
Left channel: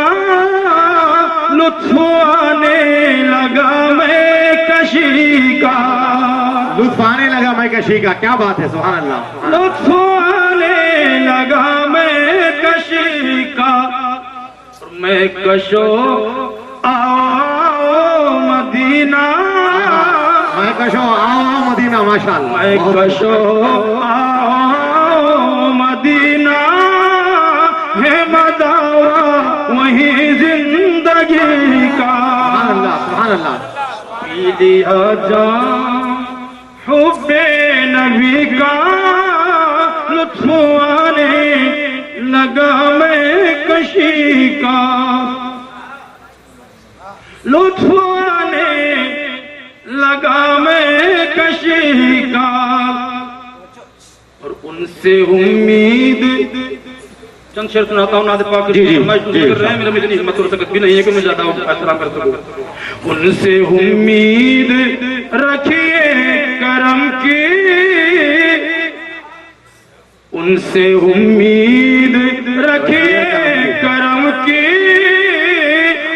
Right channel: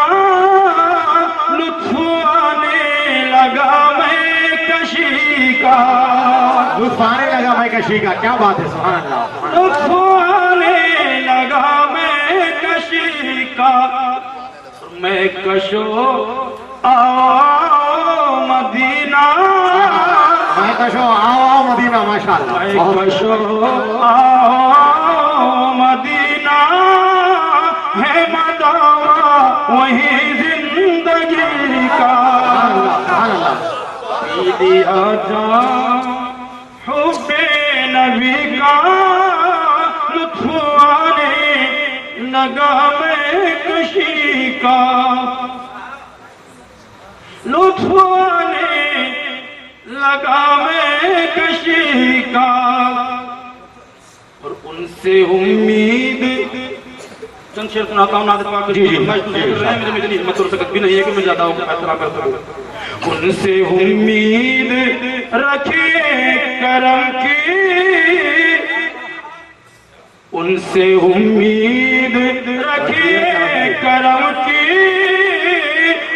लुत्फ आने लगा मैं कशी का, लुत्फ आने लगा मैं कशी का। क्या बात है, सुभान अल्लाह। लुत्फ आने लगा मैं कशी का, मैं कशो आओ मदीना, मैं कशो आओ मदीना, माशाअल्लाह। मैं कशो आओ मदीना, है मदावा वही जिंदगी का। सुभान अल्लाह। पी लिया जाम हुब्बे नबी का, लुत्फ आने लगा मैं कशी का, लुत्फ आने लगा मैं कशी का। और उनसे उम्मीद, चंद शेर सुनाता हूँ नाज़िल पाक की। फरमाइश कर रहे हैं, मेरे में इतनी हिम्मत और ताकत भी नहीं है कि मैं ज्यादा एहतराम कर सकूं। उनसे उम्मीद रखिए करम की, उनसे उम्मीद रखिए करम की,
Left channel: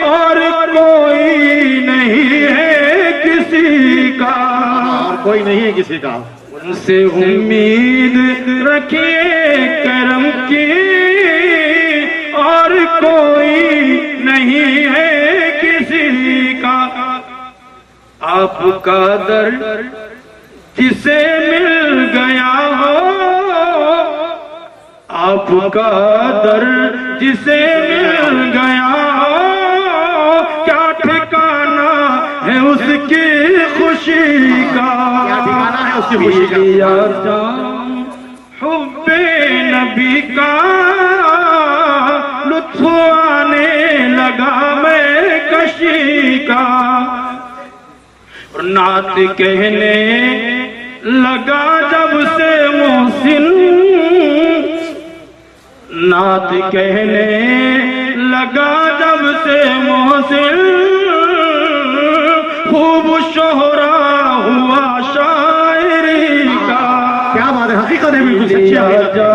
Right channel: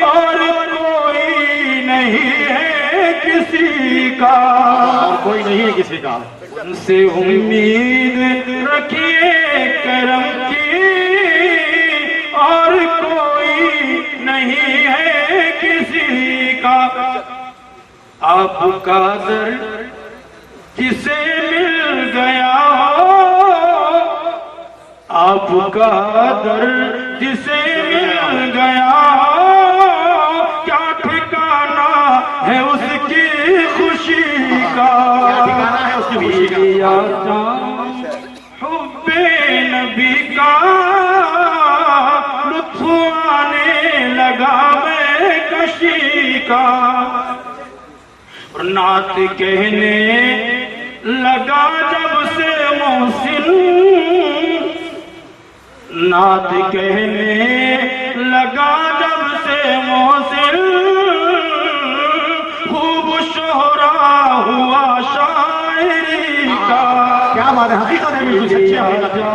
और कोई नहीं है किसी का, और कोई नहीं है किसी का। उनसे उम्मीद रखिए करम की, और कोई नहीं है किसी का। आपका दर जिसे मिल गया हो, आपका दर जिसे मिल गया हो, क्या ठिकाना है उसकी खुशी का, क्या ठिकाना है उसकी खुशी का। जाम हुब्बे नबी का, लुत्फ आने का। और नात कहने लगा जब से मोहसिन, नात कहने लगा जब से मोहसिन, खूब शोहरा हुआ शायरी का। क्या बात है, हकीकत है, बिल्कुल सच्ची हकीकत है।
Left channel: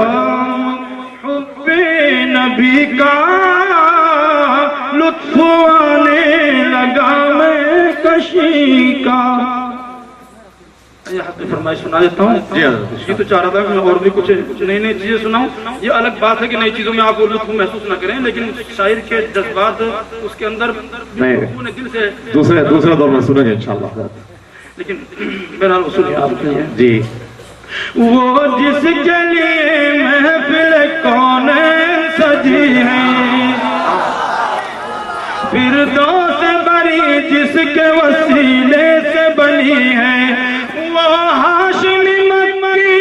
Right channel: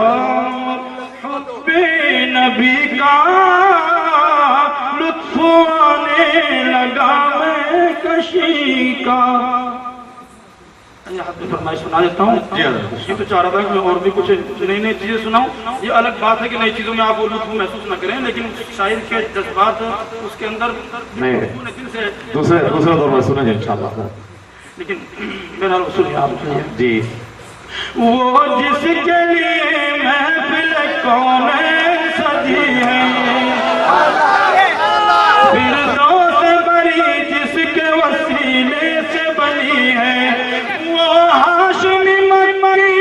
हुब्बे नबी का लुत्फ आने लगा मैं कशी का। फरमाइश सुना देता हूँ। ये तो चाह रहा था कि मैं और भी कुछ नई नई चीजें सुनाऊं। ये अलग बात है कि नई चीजों में आप वो लुत्फ महसूस न करें, लेकिन शायर के जज्बात उसके अंदर पूरे दिल से दूसरे दौर में सुनेंगे इंशाल्लाह। लेकिन मेरा सुनिए आप जी। वो जिसके लिए महफिल कौन सजी है, फिरदौस बरी जिसके वसीले से बनी है, वो हाशिमी मक्की,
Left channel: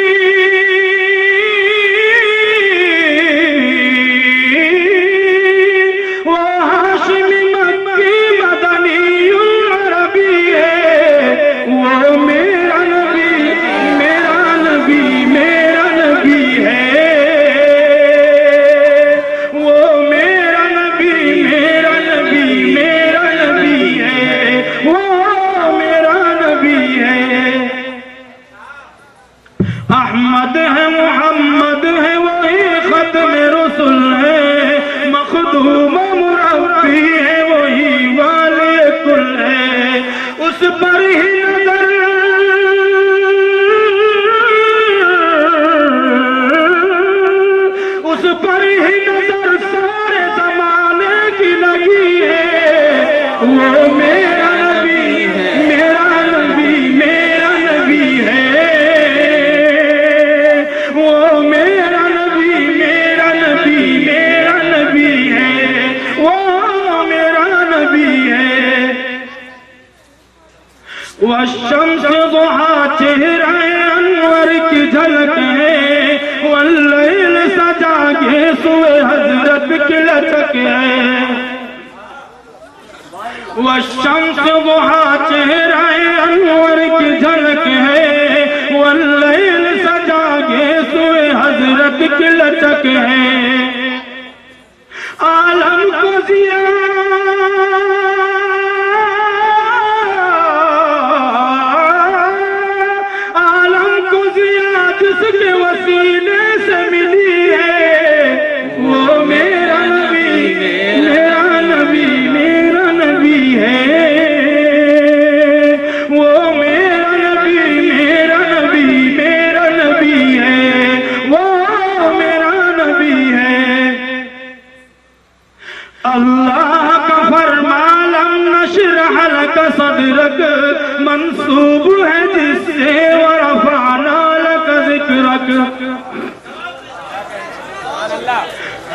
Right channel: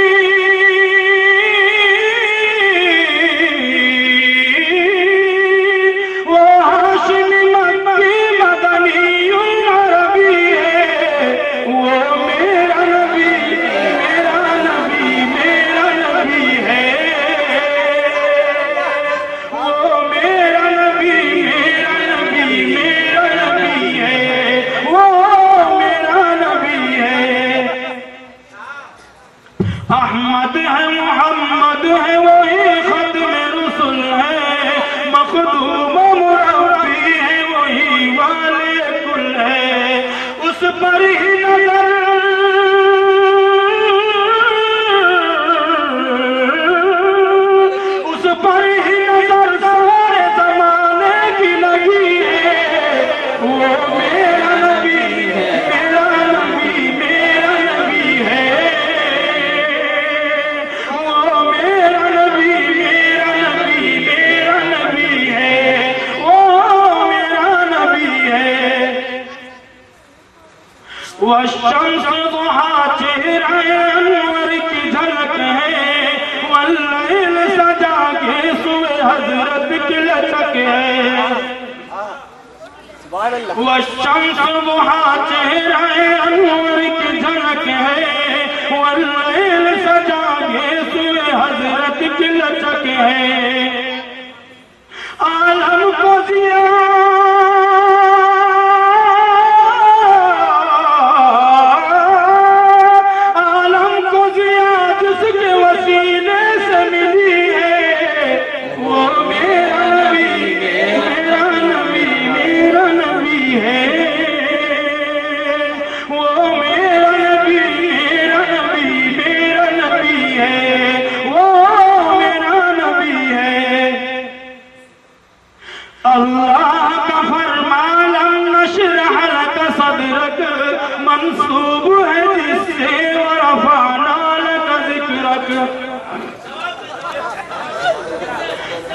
वो हाशिमी मक्की मदनी अरबी है। वो मेरा नबी, मेरा नबी, मेरा नबी है। वो मेरा नबी, मेरा नबी, मेरा नबी है। वो मेरा नबी है। अहमद है, मोहम्मद है, वही खत्म रसूल है, मखदूम मुरब्बी है, वही वाले कुल है। उस पर ही नजर, उस पर ही नजर सारे जमाने की लगी है। वो मेरा नबी है, मेरा नबी, मेरा नबी है। वो मेरा नबी, मेरा नबी, मेरा नबी है। वो मेरा नबी है। वह शम्स दुहा चेहरा अनवर की झलक है, वल्लैल सजा के सुए हजरत की लचक है। वह शम्स दुहा चेहरा अनवर की झलक है, वल्लैल सजा के सुए हजरत की लचक है। आलम को जिया, आलम को जिया जिसके वसीले से मिली है, वो मेरा नबी, मेरा नबी, मेरा नबी है। वो मेरा नबी, मेरा नबी, मेरा नबी है। वो मेरा नबी है। अल्लाह का फरमान नशरह लक सदरक, मंसूब है जिससे वरफाना लक जिक्रक।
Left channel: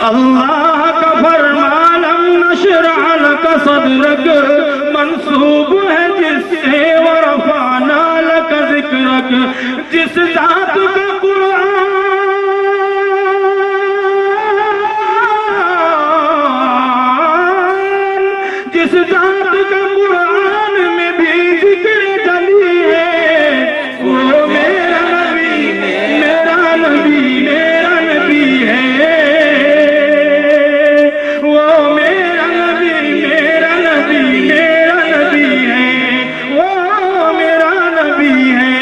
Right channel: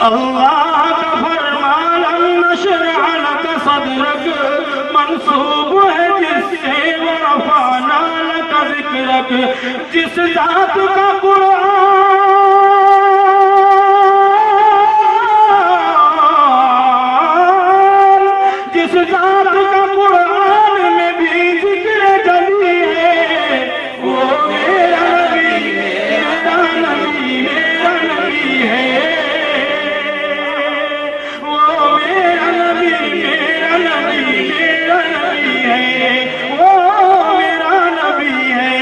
अल्लाह का फरमान नशरह लक सदरक, मंसूब है जिससे वरफाना लक जिक्रक। जिस जात का कुरान, जिस जात का कुरान में भी जिक्र जली है, वो मेरा नबी, मेरा नबी, मेरा नबी है। वो मेरा नबी, मेरा नबी, मेरा नबी है। वो मेरा नबी है।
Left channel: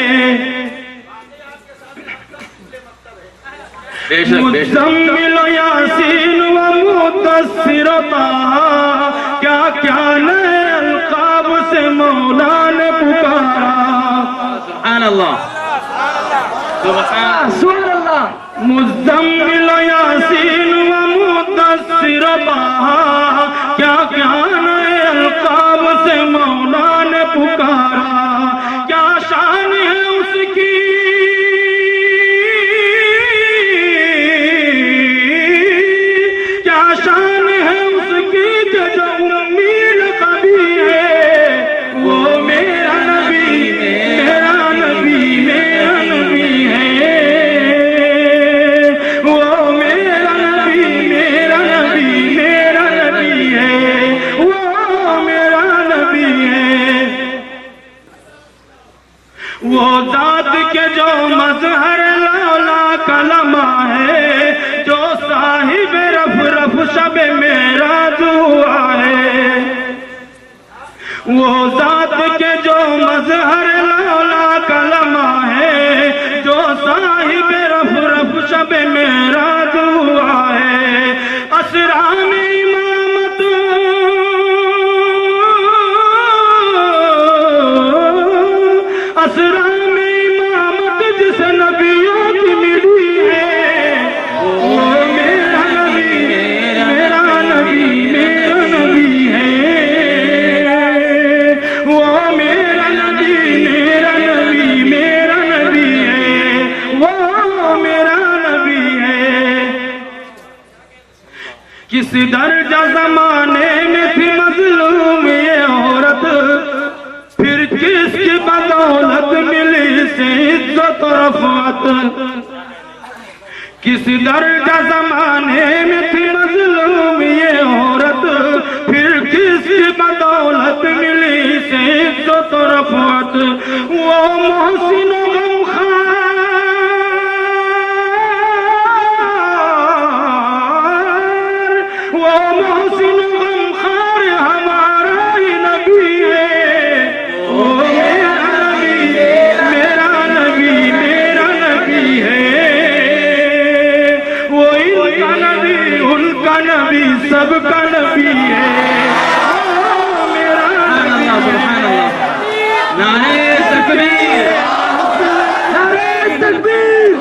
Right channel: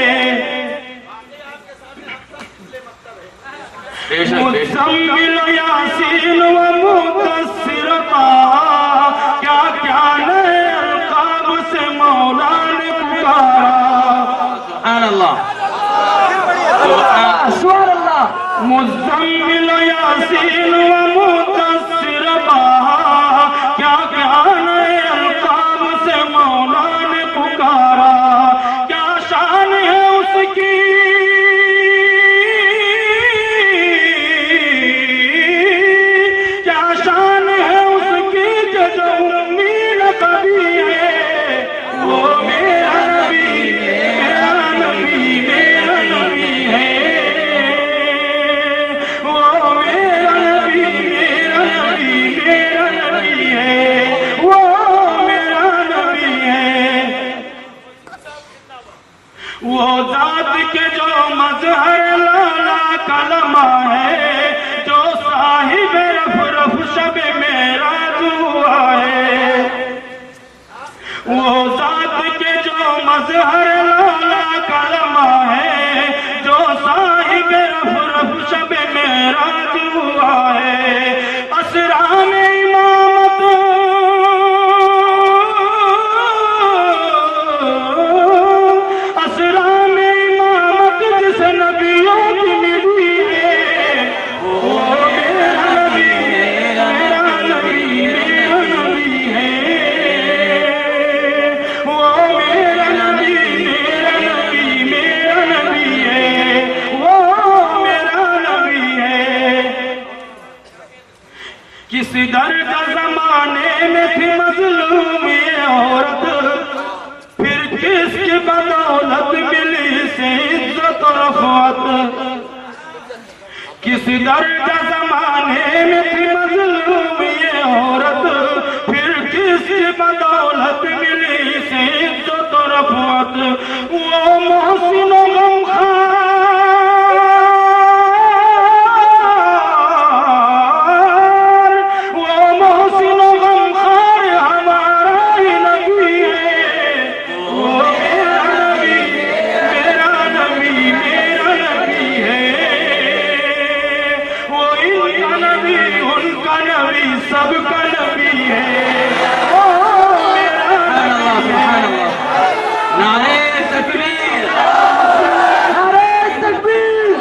मुज़म्मिल यासीन व मुद्दस्सिर ताहा, क्या क्या नए अलकाब से मौला ने पुकारा। सुभान अल्लाह, सुभान अल्लाह। मुज़म्मिल यासीन व मुद्दस्सिर ताहा, क्या क्या नए अलकाब से मौला ने पुकारा। क्या शान है उसकी, क्या शान है उसकी जो उम्मीद कभी है। वो मेरा नबी, मेरा नबी, मेरा नबी है। वो मेरा नबी, मेरा नबी, मेरा नबी है। मजहर लौला कलमा है, जो साहिब रफ रफ शब मेरा दुआ है। वो जात के जो मजहर लौला कलमा है, जो साहिब रफ रफ शब मेरा दुआ है। असरा में इमामत असरा में इमामत जिस नबियों की मिली है, वो मेरा नबी मेरा नबी मेरा नबी है। वो मेरा नबी मेरा नबी मेरा नबी है। वो मेरा नबी है। किस दर्जा जमाने में थी मजलूम ये औरत, फिर किसकी बदौलत मिली से इज्जत और रफ़अत। किस दर्जा जमाने में थी मजलूम ये औरत, फिर किसकी बदौलत मिली से इज्जत और रफ़अत। वो मोहसिन व गमखार, वो मोहसिन व गमखार हमारा ही नबी है। वो मेरा नबी मेरा नबी है। वो इनका नबी उनका नबी सबका नबी है। वो मेरा नबी है। नारे तकबीर, नारे तकबीर,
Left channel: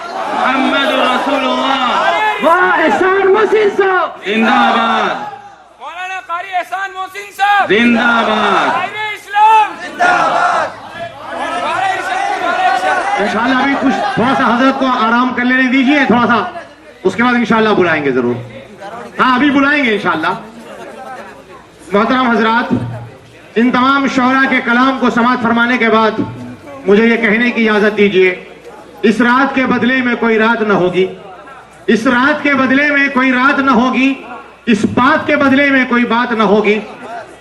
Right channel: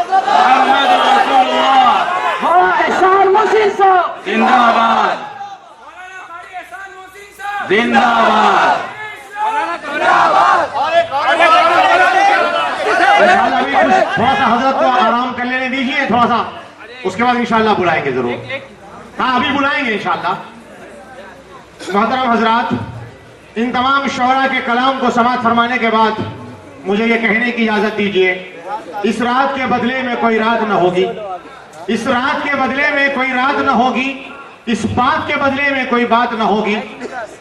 मोहम्मद रसूलुल्लाह। वाह एहसान मोहसिन साहब जिंदाबाद, मौलाना कारी एहसान मोहसिन साहब जिंदाबाद। इंशाल्लाह अभी कुछ थोड़ा सा हजरत को आराम कर लेने दीजिए थोड़ा सा, उसके बाद इंशाल्लाह बुलाएंगे जरूर। हाँ अभी बुलाएंगे इंशाल्लाह। मोहतरम हजरात, इन तमाम शोहरा के कलाम को समाअत फरमाने के बाद मुझे ये कहने की इजाजत दीजिए, इस रात के बदले में कोई रात न होगी, इस रात के बदले में कोई रात न होगी, इस बात के बदले में कोई बात न होगी।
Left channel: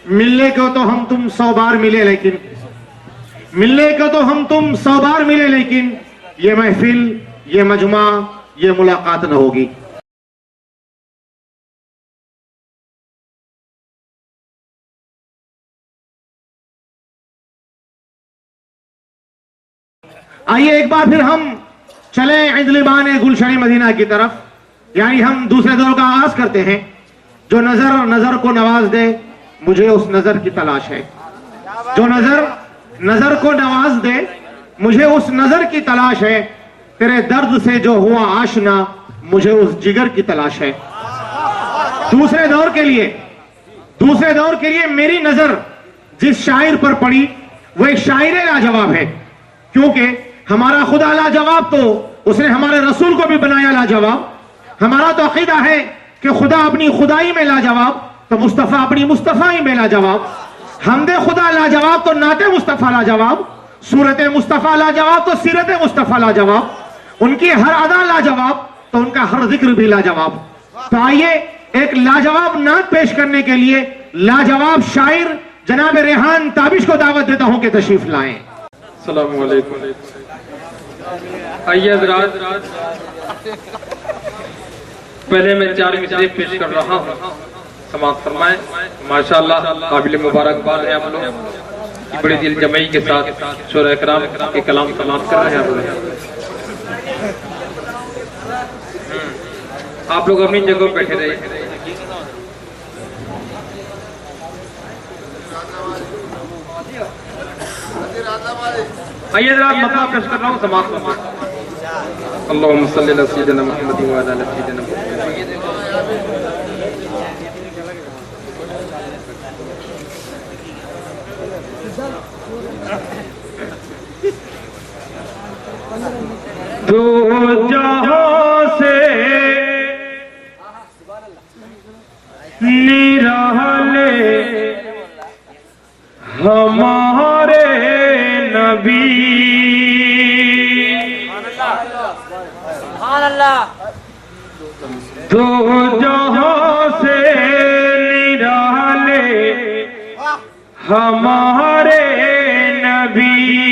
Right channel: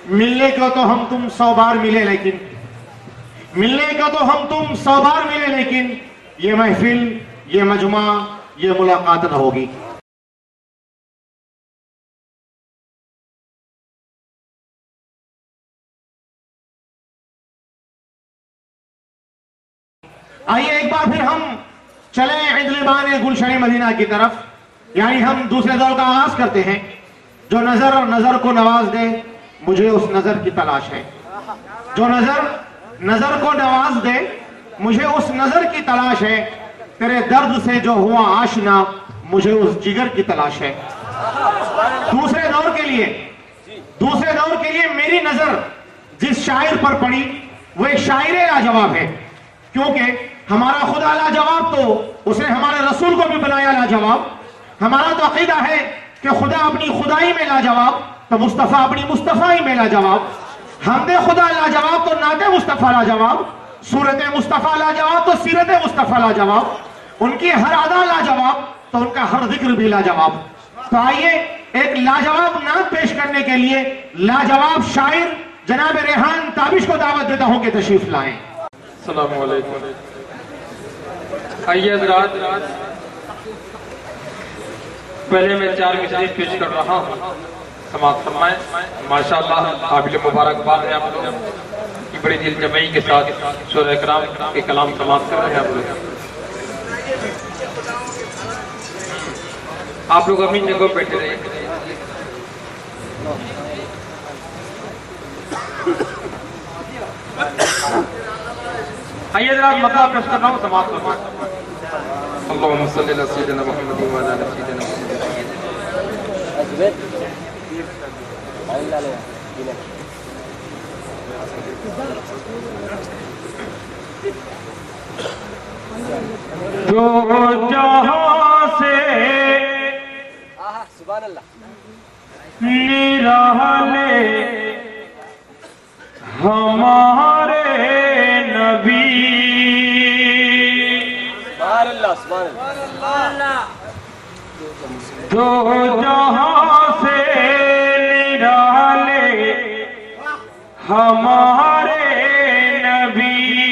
मिलने को तो हम तुम 100 बार मिले, लेकिन मिलने को तो हम तुम 100 बार मिले, लेकिन ये महफिल, ये मजमा, ये मुलाकात न होगी। आइए एक बार फिर हम चले इंदलिबान गुलशन मदीना की तरफ, यानी हम दूसरे दौर का आगाज करते हैं। जो नजर नजर को नवाज दे, मुझे उस नजर की तलाश है। जो नजर नजर को नवाज दे, मुझे उस नजर की तलाश है। तेरे दर्द से जो हुआ आशना, मुझे उस जिगर की तलाश है। दूसरे दौर के लिए मेरी नजर जिस शायर पर पड़ी, वो एक शायर लाजवाब है। क्योंकि हमारा खुदा लाजवाब, तो उसने हमारे रसूल को भी बनाया लाजवाब। हमारा तो अकीदा है कि खुदा अपनी खुदाई में लाजवाब, तो मुस्तफा अपनी मुस्तफाई में लाजवाब। हमदे खुदा लाजवाब तो नाते मुस्तफा लाजवाब, सूरत मुस्तफा लाजवाब तो सीरत मुस्तफा लाजवाब। उनकी हर अदा लाजवाब तो उनका हर जिक्र भी लाजवाब। तो आइए एक लाजवाब नात पेश करने के लिए लाजवाब शायर जनाब रेहान ताबिश को दावत देता हूं कि तशरीफ लाएं। अस्सलामु अलैकुम। आइए हज़रात, पहले मैं 4 मिसरे पेश कर रहा हूँ, समाअत फरमाएं। माशाअल्लाह काबिल मुबारकबाद है आप लोग, बड़ी दिल जमई के साथ शोरा इकराम के कलाम समाअत कर रहे हैं आप लोग अपनी जगह पर बैठे रहिए। आइए जरा मतलब पेश कर रहा हूँ, समाअत फरमाएं। अल्लाहुम्मा सल्ली अला सय्यिदिना मुहम्मद व अला आलि सय्यिदिना मुहम्मद। दो जहां से निराले हमारे नबी, दो जहां से निराले हमारे नबी।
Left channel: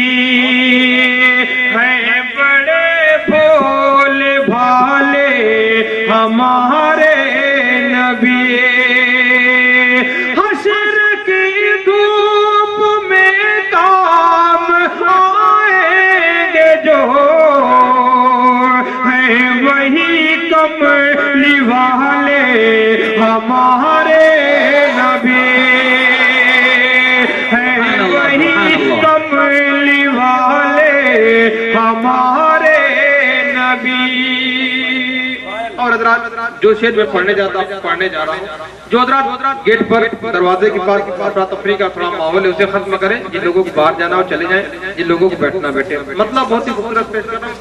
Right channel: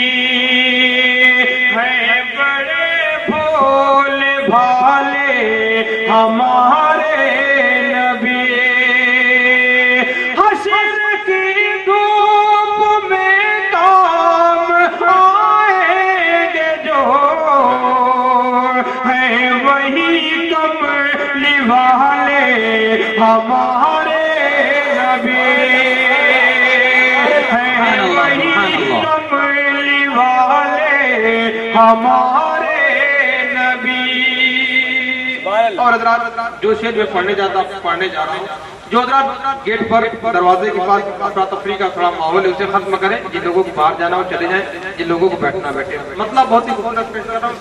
हमारे नबी। और हजरात जो शेर में पढ़ने जा रहा हूँ, जो हजरात गेट पर दरवाजे के पास अफरा तफरी का थोड़ा माहौल है उसे खत्म करें। जिन लोगों को बाहर जाना हो चले जाएं, जिन लोगों को बैठना बैठे। मतलब बहुत ही खूबसूरत पेश कर रहा हूँ।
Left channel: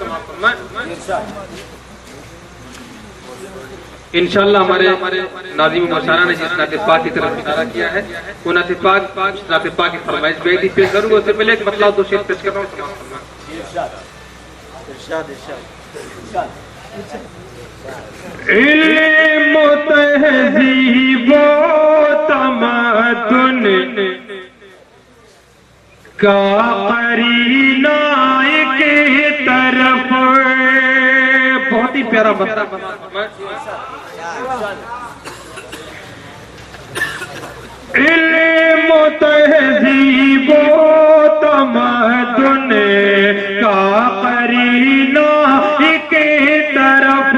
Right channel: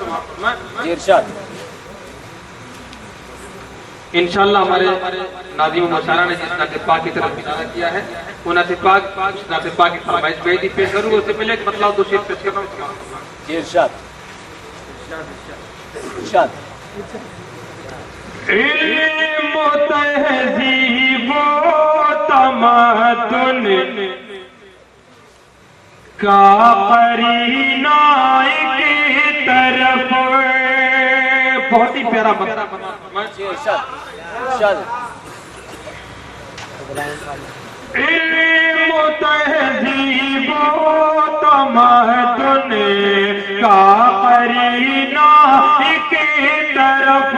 इंशाअल्लाह हमारे नाज़िम मुशारा ने जिस नाते पाक की तरफ इशारा किया है वो नाते पाक की फरमाइश बेहद पेश करूँगा। उससे पहले एक मतलब दो शेर पेश कर रहा हूँ। इल्म तहज़ीब व तमद्दुन का करीना एक तरफ। बहुत ही प्यारा इल्म तहज़ीब व तमद्दुन का करीना एक तरफ।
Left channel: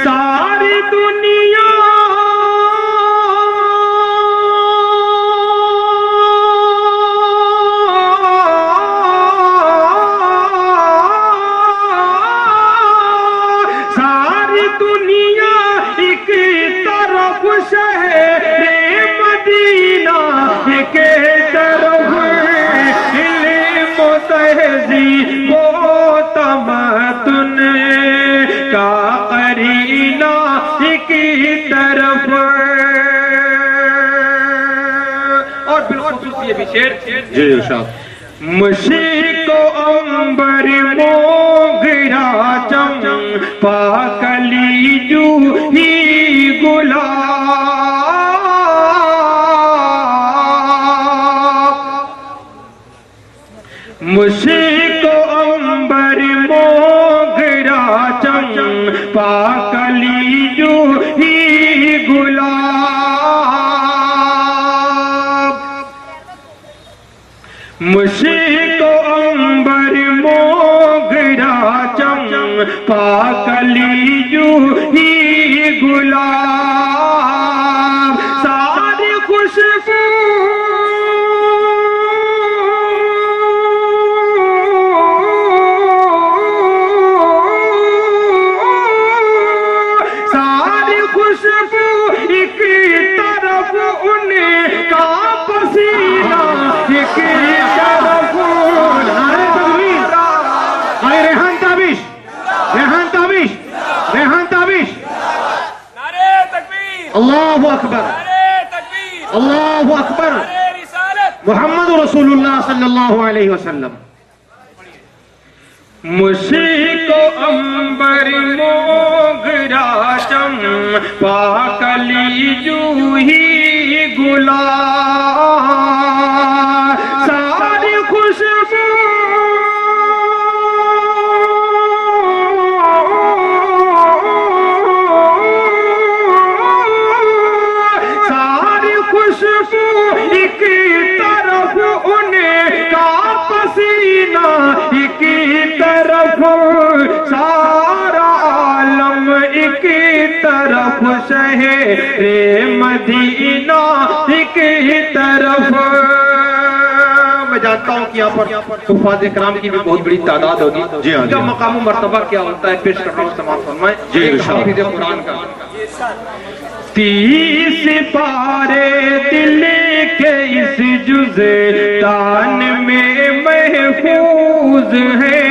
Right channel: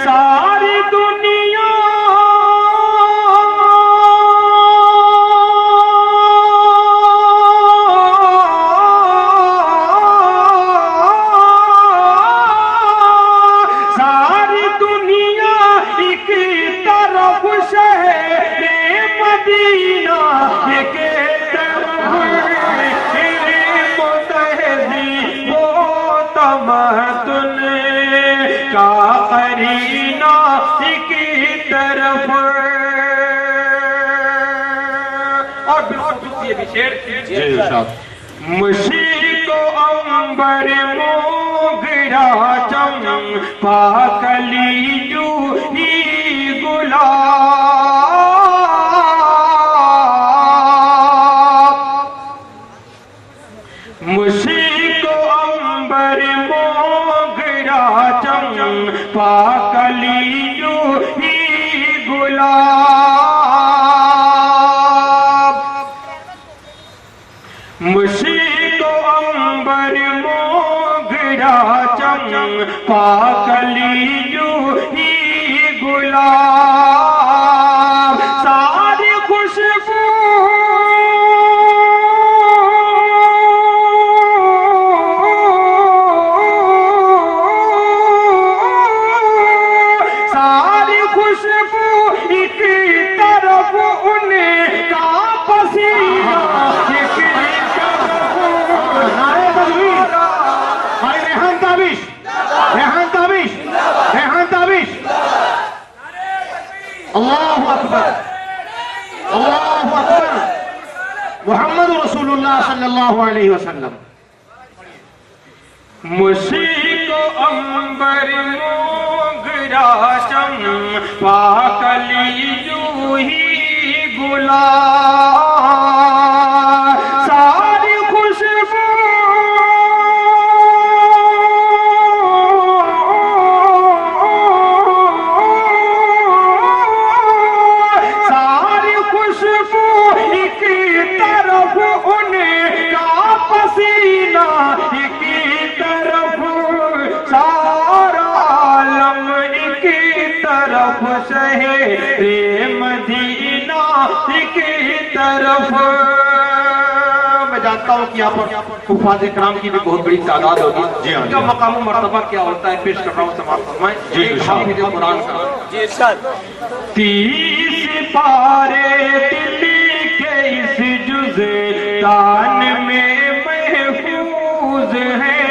सारी दुनिया एक तरफ, शहरे मदीना एक तरफ। इल्म तहज़ीब व तमद्दुन का करीना एक तरफ। और बिल्कुल ये भी शेर जी इरशाद। मुशीको अंबर मोगरा चंपा कली जूही गुलाब। मुशीको अंबर मोगरा चंपा कली जूही गुलाब। मुशीको अंबर मोगरा चंपा कली जूही गुलाब। सारी खुशबू एक तरफ, उनका पसीना एक तरफ। नारे तकबीर, भाई रेहान ताबिश, रेहान ताबिश, रेहान ताबिश। नारे तकबीर, अल्लाहु अकबर, अल्लाहु अकबर। मुहम्मद रसूलुल्लाह सल्लल्लाहु अलैहि वसल्लम। मुशीको अंबर मोगरा चंपा कली जूही गुलाब। सारी खुशबू सारी खुशबू एक तरफ, उनका पसीना एक तरफ। सारा आलम एक तरफ, शहरे मदीना एक तरफ। मैं जानता हूँ कि यहाँ पर हुफ़ाज़ इकराम की भी बहुत बड़ी तादाद होगी। जी हाँ, इनका मकाम मर्तबा क्या होता है पेश कर रहा हूँ, समाअत फरमाएं। जी हाफिज़ कुरान का 30 पारे दिल के इस जुज़े तान में महफूज है।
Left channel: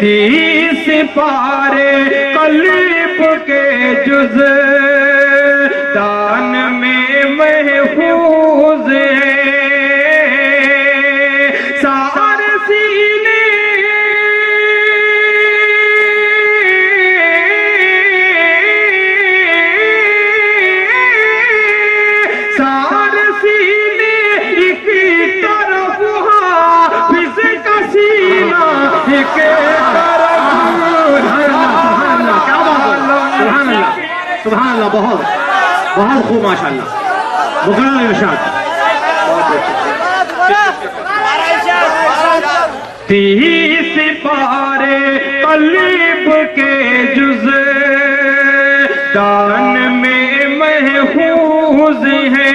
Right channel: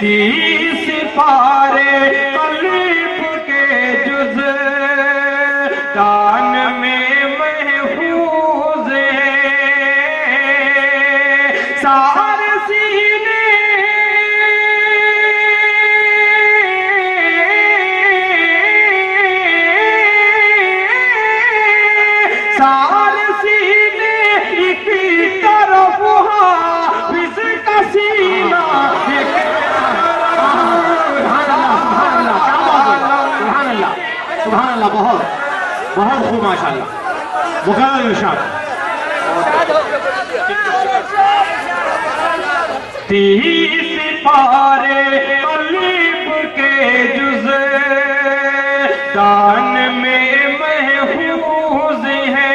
30 पारे कल्ब के जुज़े तान में महफूज है। सारे सीने सारे सीने एक तरफ, हाफिज़ का सीना एक तरफ। सुभान अल्लाह, क्या बात है, सुभान अल्लाह, सुभान अल्लाह। बहुत बहुत खूब माशाअल्लाह। मुकर्रर इरशाद। 30 पारे कल्ब के जुज़े दान में महफूज है।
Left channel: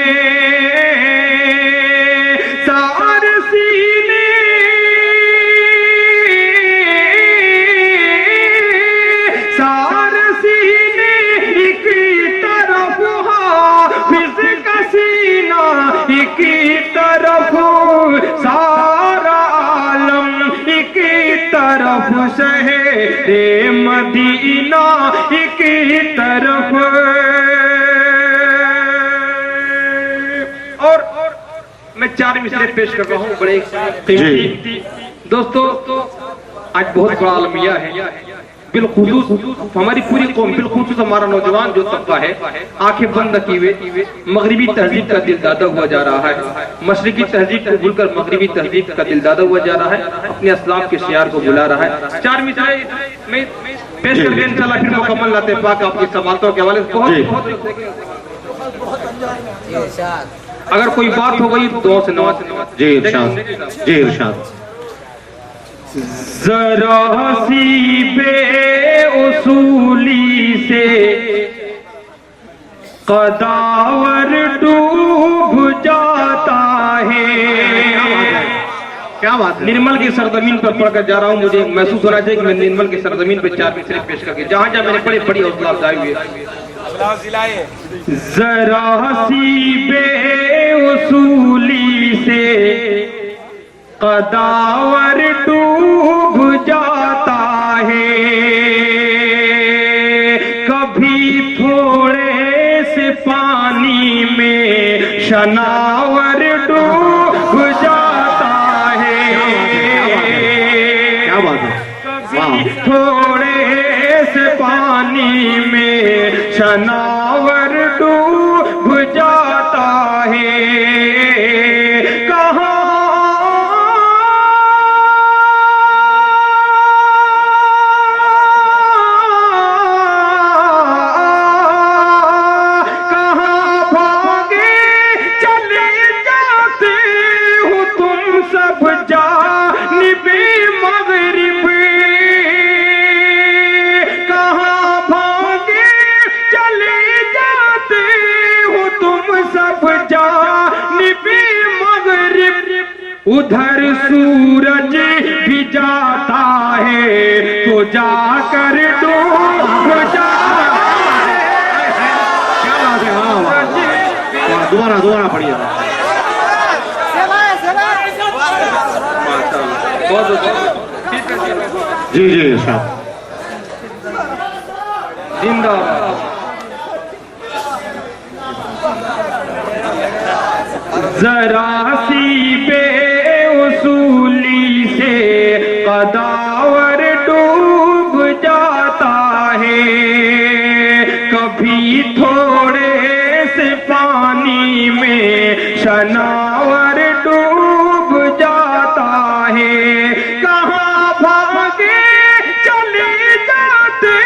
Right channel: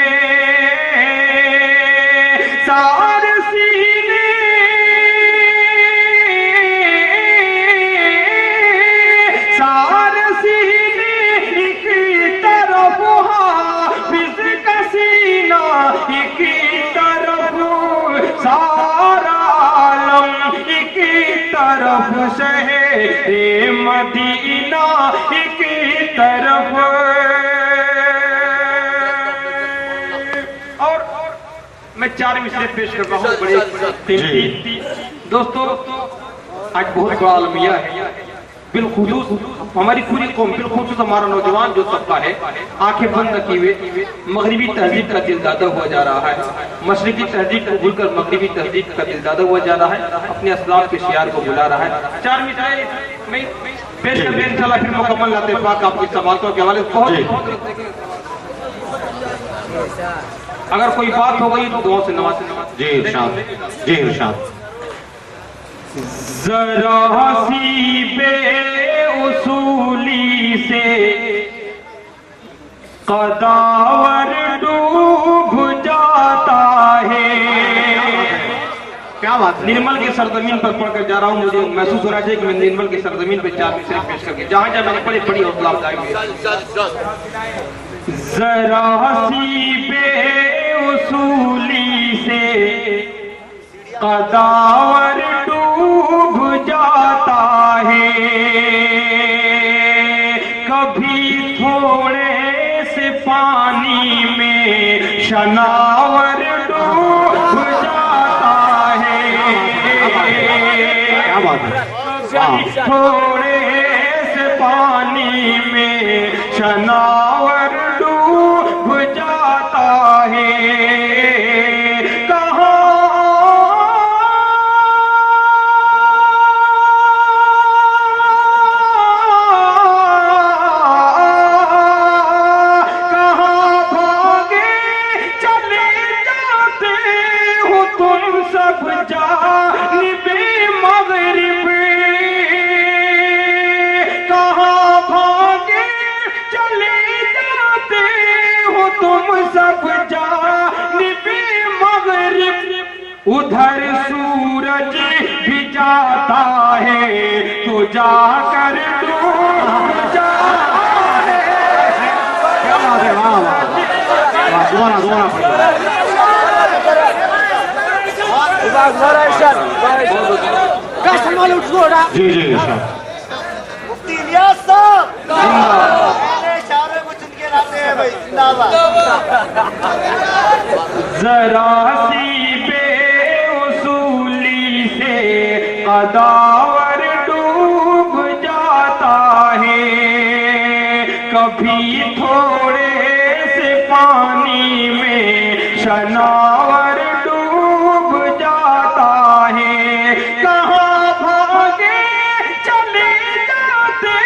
तरफ शहरे मदीना की तरफ। और मैं 4 मिसरे पेश कर रहा हूँ बड़े कीमती। दोस्तों आज बहुत बड़ा अलमिया है, बिलखुसूस हमारी पूरी कौम, बिलखुसूस हमारा नौजवान जो तबका है आंखें बंद किए हुए मगरिबी तहजीब का दिलदादा हुआ जा रहा है, मशरिकी तहजीब को भूलकर मगरिबी तहजीब का दिलदादा हुआ जा रहा है, अपने असलाफ के शियार को बुला रहा है। 4 मिसरे में पेश करके इंशाल्लाह फिर मुकम्मल लाते पाक आपकी समातों के हवाले बहुत। अगर कोई बात हो गई दुआ से नवाज। जी इरशाद, जी इरशाद। जरा सी बेउसूली से कदावर डूब जाता है। क्या बात है। निर्मल की सरजमीन पर पढ़कर जा रहा हूँ, मुझे महसूस होना चाहिए कि मैं निर्मल की सरजमीन पर 4 मिसरे पेश करके जहां जहां मैंने बड़ी बड़ी हौसला अफजाई हुई। जरा सी बेउसूली से कदावर डूब जाता है, कभी थोड़े से पानी में शनावर डूब जाता है। क्या बात है। कभी थोड़े से पानी में शनावर डूब जाता है। उधर सूरज भी जाता है तो जाकर डूब जाता है। क्या बात है। वाह वाह, दोबारा दोबारा पढ़िए। जी जी इरशाद। जरा सी बेउसूली से कदावर डूब जाता है, कभी थोड़े से पानी में शनावर डूब जाता है। कहाँ भागे चले जाते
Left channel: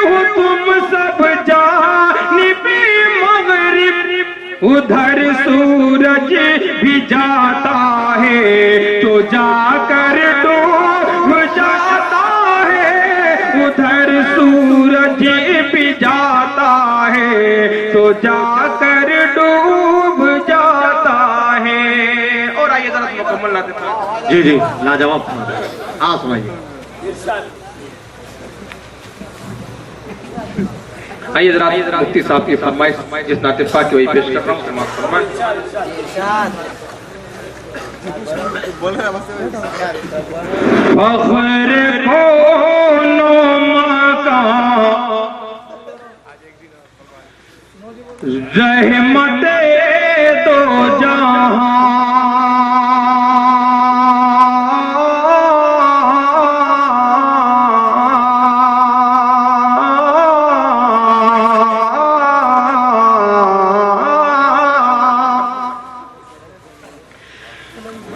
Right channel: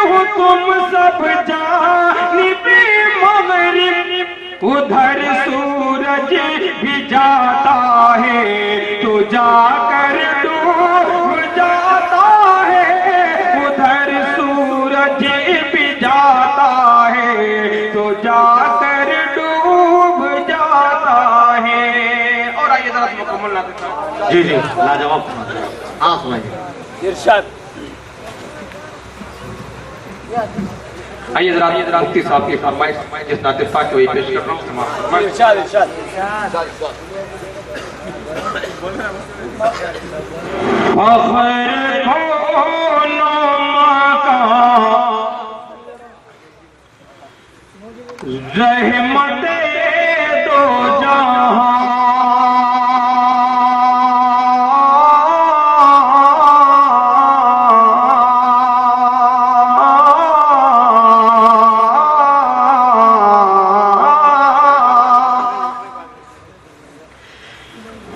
हो तुम सब जानिबे मगरिब, उधर सूरज भी जाता है तो जाकर डूब जाता है। उधर सूरज भी जाता है तो जाकर डूब जाता है। और आइए जरा मुकम्मल ना देता। जी जी लाजवाब। हाँ सुनाइए। आइए जरा मुफ्ती साहब की फरमाइश जिस नाते पाक के वही पेश कर रहा हूँ समाप्त फख्र कौनो मकां रहमते दो जहां,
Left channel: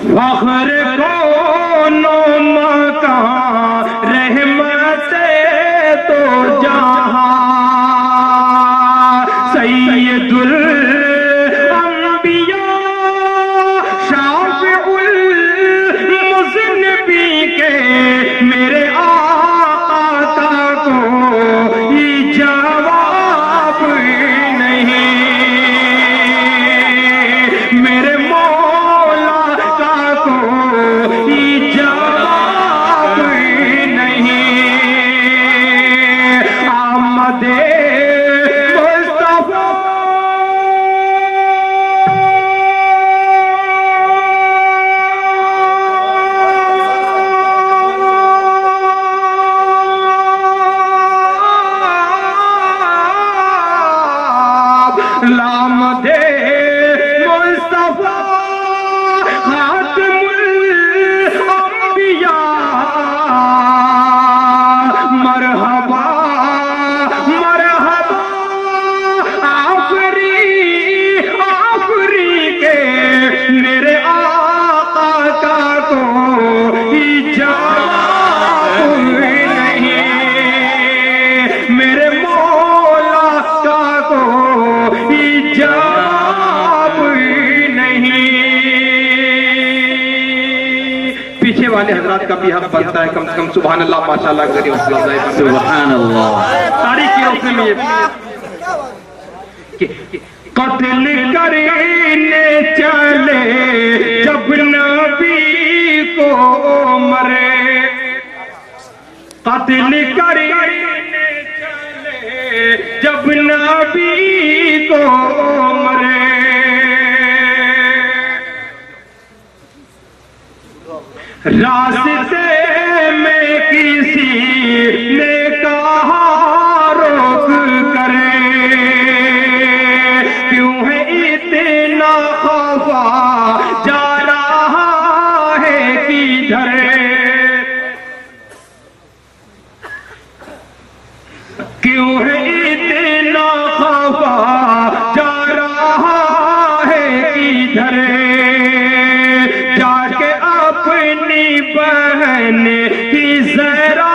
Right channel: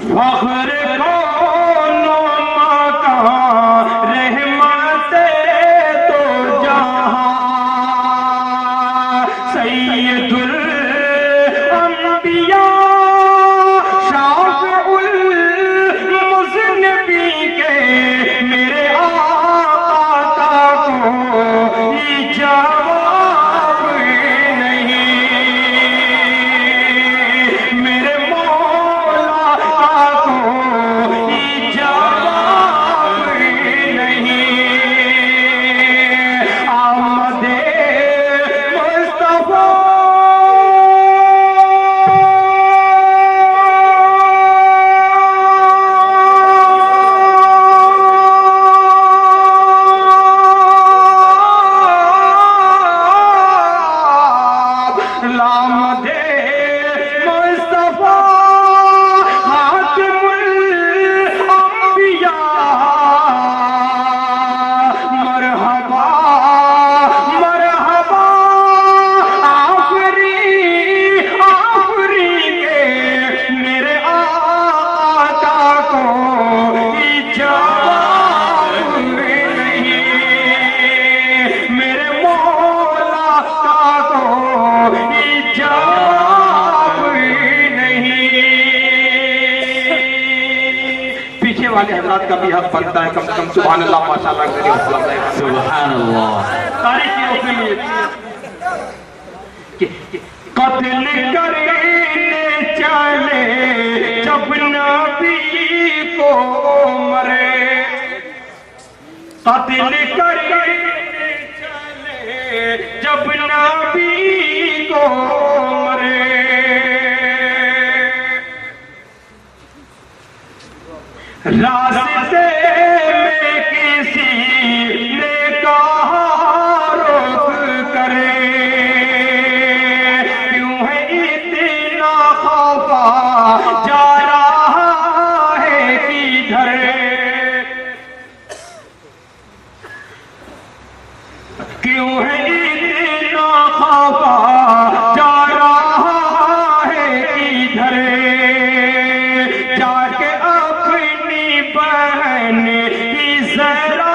फख्र कौनो मकां रहमते दो जहां, सैयदुल अंबिया शाफिउल मुज़न्निबी के मेरे आका का कोई जवाब नहीं, मेरे मौला का कोई सीखने वाले हजरात का भी हक बनता है कम से कम सुभान अल्लाह माशाअल्लाह के जरिए हौसला अफजाई करना। सुभान अल्लाह। तारीख की रोशनी में कत्ल करने चले जब नबी को मरे, कत्ल करने चले जब नबी को मरे, रास्ते में किसी ने कहा रोक करे, क्यों है इतना खौफा जा रहा है किधर, क्यों है इतना खौफा जा रहा है किधर, जाके अपनी बहन की जरा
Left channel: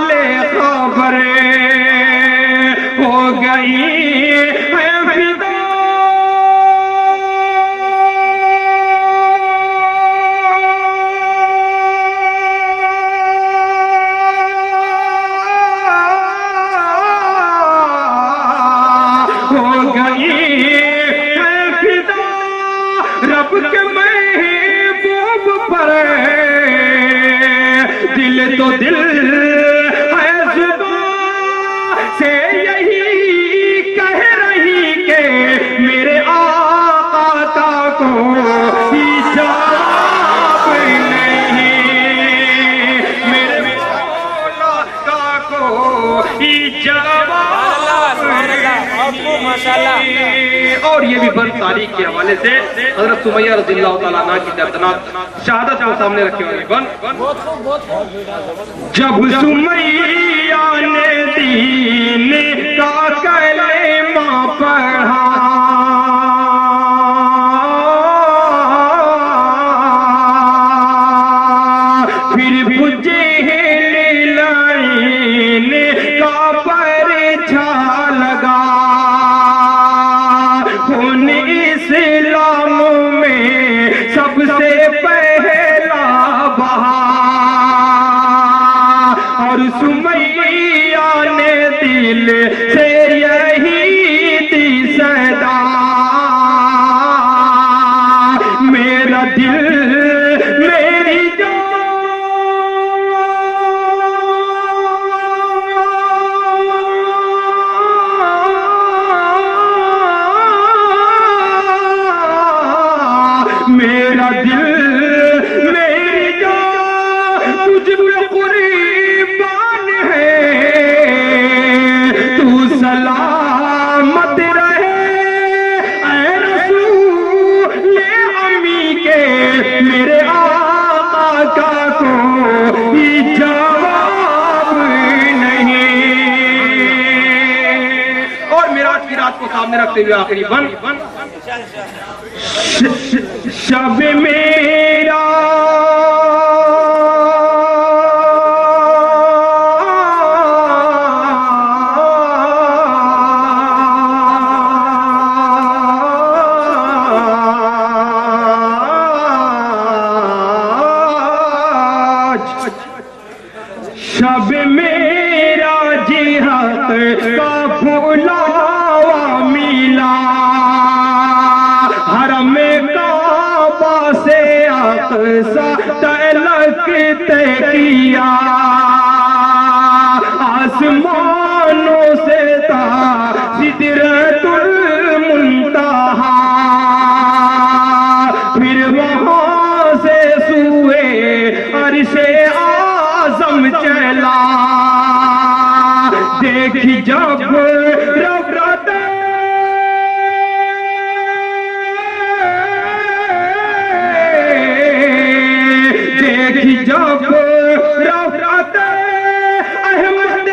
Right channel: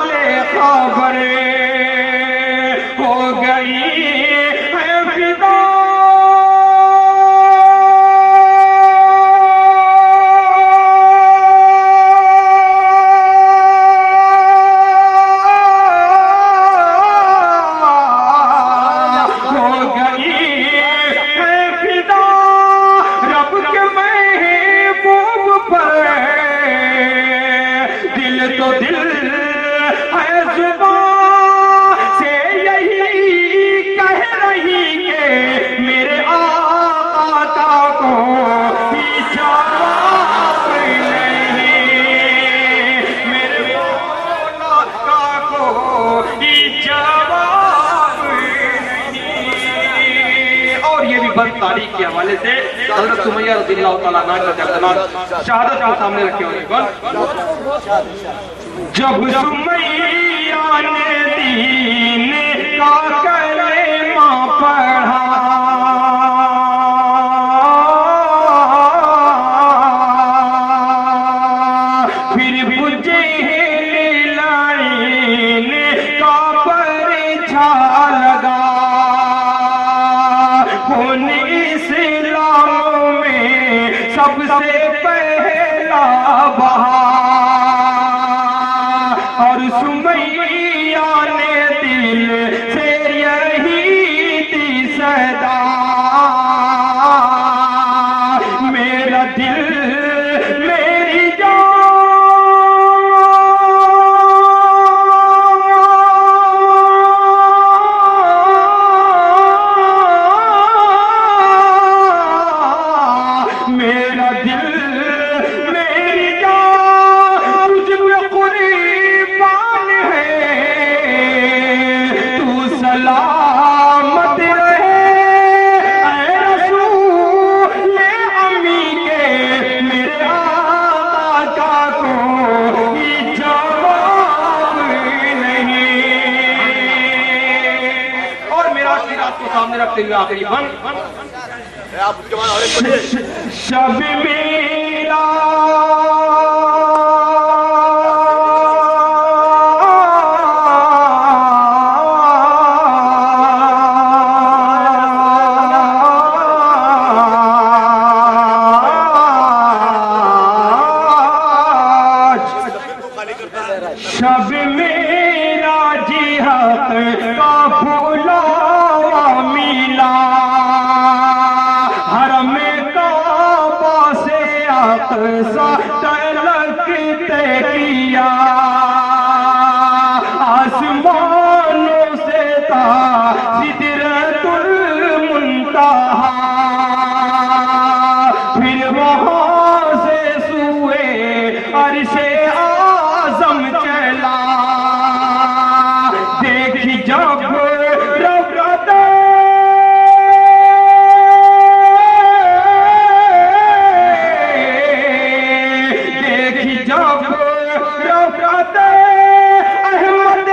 ले खबर, हो गई है फिदा हो गई है फिदा रब के महबूब पर, दिल तो दिल है जुबान से यही कह रही के मेरे आका को ही जवाब नहीं, मेरे मौला का को ही जवाब नहीं। और ये भी बंद तारीख के हवाले से हजरत सुमैया रज़ियल्लाहु ताला अन्हा की दर्दनाक शहादत को सामने रखे हुए बंद। जब सुमैया ने दीन का कलेमा पढ़ा, फिर बुझे लाइन का परछा लगा, होने इस्लाम में सबसे पहला बहा, और सुमैया ने दिल से यही दी सदा, मेरा दिल मेरी मेरा दिल मेरी जान तुझ पे कुर्बान है, तू सलामत रहे ऐ रसूल अमी के, मेरे आका को ही जवाब नहीं। और मेराज की रात को सामने रखते हुए आखिरी बन शब मेरा शब मेरा जिहाद का फुलावा मिला, हरम काबा से अक़सा तलक तय किया, आसमानों से था सिदरतुल मुंतहा, फिर वहां से सूए अर्शे आज़म चला, देखी जब रब देखी जब रफ़अत अहमद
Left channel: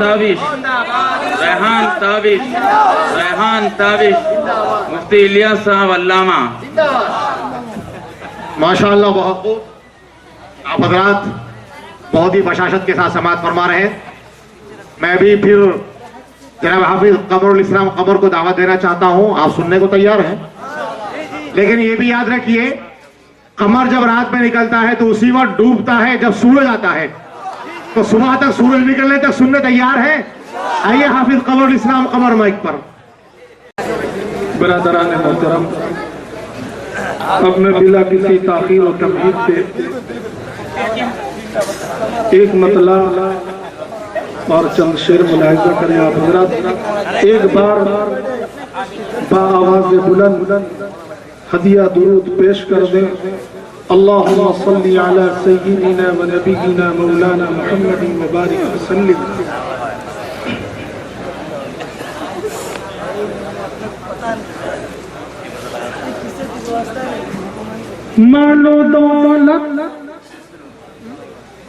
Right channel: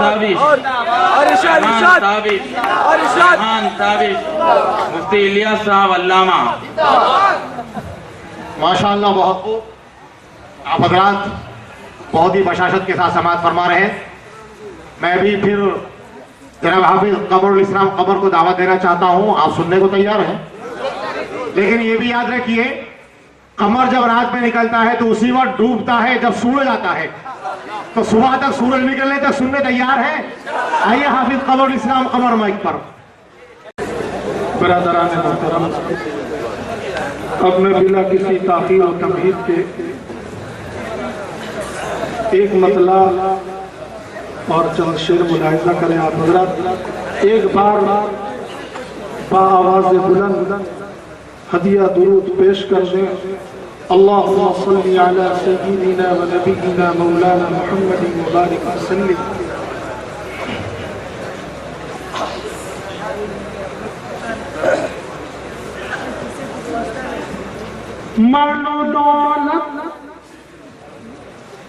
ताबिश, रेहान ताबिश, रेहान ताबिश, मुफ्ती इलियास साहब अल्लामा। माशाअल्लाह, बहुत खूब। आप हजरात बहुत ही बशाशत के साथ समाअत फरमा रहे हैं। मैं भी फिर जनाब हाफिज कमरुल इस्लाम कमर को दावत देना चाहता हूं। आप सुनने को तैयार हैं, लेकिन ये भी याद रखिए, कमर जब रात में निकलता है तो उसी वक्त डूबता है जब सूरज आता है। तो सुबह तक सूरज निकलने तक सुनने तैयार है? आइए हाफिज कमरुल इस्लाम कमर माइक पर। बरादरान मोहतरम, अब मैं बिला किसी ताखीर और तमहीद के एक मतला और चंद शेर मुलाहिजा करें। आप हजरात एक बार बाआवाज़ बुलंद हदिया दुरूद पेश कर दें। अल्लाहुम्मा सल्ली अला सय्यिदिना व नबिय्यिना मौलाना मुहम्मदिन व बारिक वसल्लिम।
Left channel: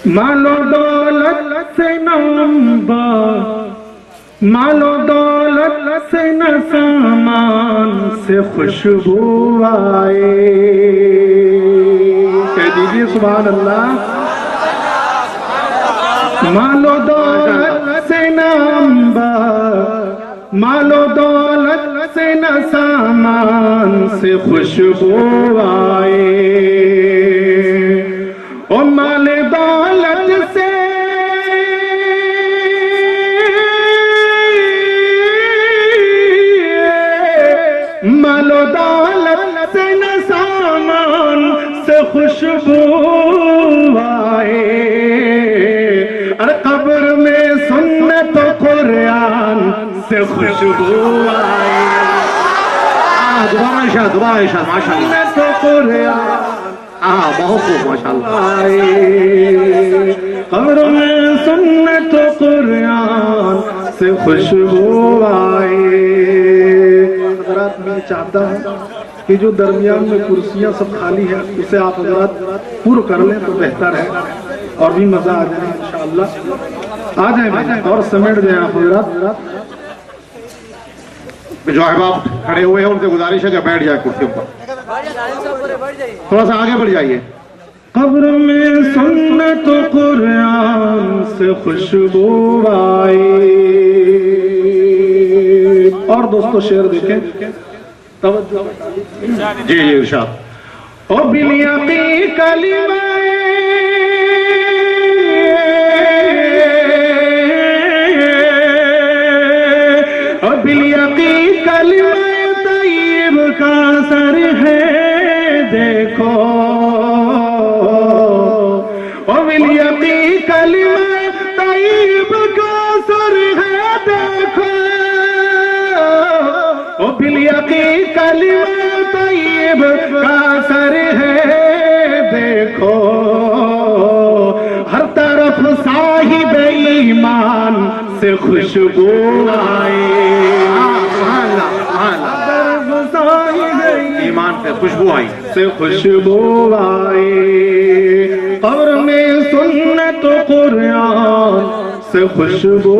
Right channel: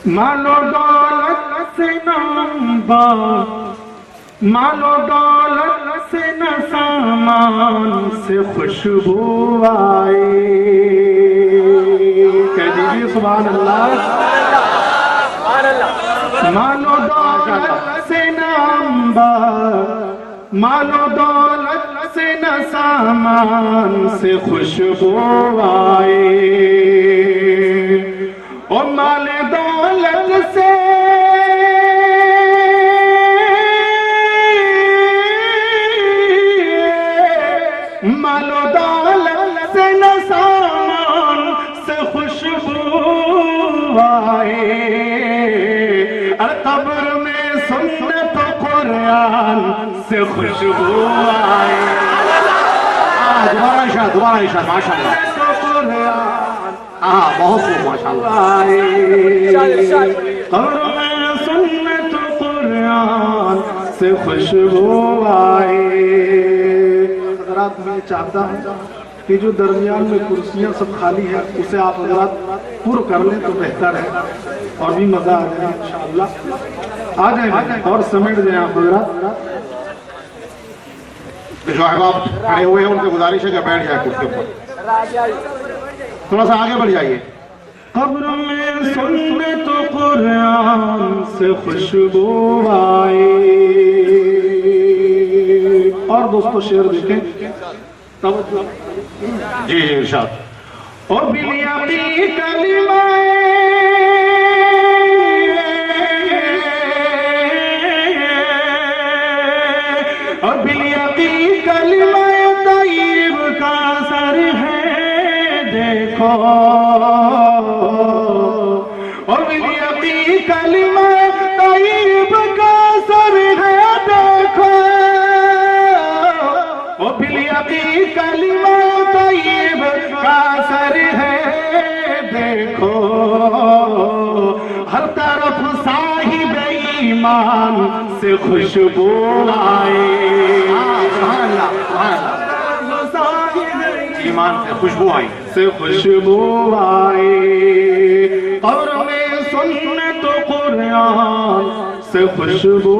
मालो दौलत से नाम बा, मालो दौलत से न सामान से खुशबू आए। कह दीजिए सुभान अल्लाह। मालो दौलत से नाम बा, मालो दौलत से न सामान से खुशबू आए। ओ माल दौलत से माल दौलत से न सामान से खुशबू आए। अरे कब्र में सुन्नत कुरान से खुशबू आए। दोबारा इशाद, दोबारा इशाद। माशाअल्लाह, तो कुरान बहुत खूब माशाअल्लाह। कब्र में सुन्नत कुरान से खुशबू आए। हजरात, मैं चाहता हूँ कि जो दरमियान में कुर्सियाँ सब खाली है उसे आप हजरात पूर्ण कर लें तो बेहतर है और भी मजा आ जाए इंशाअल्लाह। आ जाए और समेट जाए आप हजरात। जो अहबाब खड़े हुए हैं उनसे गुजारिश है कि बैठ जाए कुर्सियों पर, थोड़ा सा आगे बढ़ जाइए। कब्र में सुन्नत कुरान से खुशबू आए। और दोस्तों शेर देखें, तवज्जो। जी जी इरशाद। ओ बिलियाती कलिमाए, ओ बिलियाती कलिमाए तय्यब का सर है देखो। ओ बिलियाती कलिमा तय्यब का सर है देखो। ओ बिलियाती कलिमा तय्यब का सर है देखो। हर तरफ साहिब ईमान से खुशबू आए। सुभान अल्लाह, सुभान अल्लाह। तरफ साहिब ईमान से खुशबू आई, से खुशबू आए। कब्र में सुन्नत कुरान से खुशबू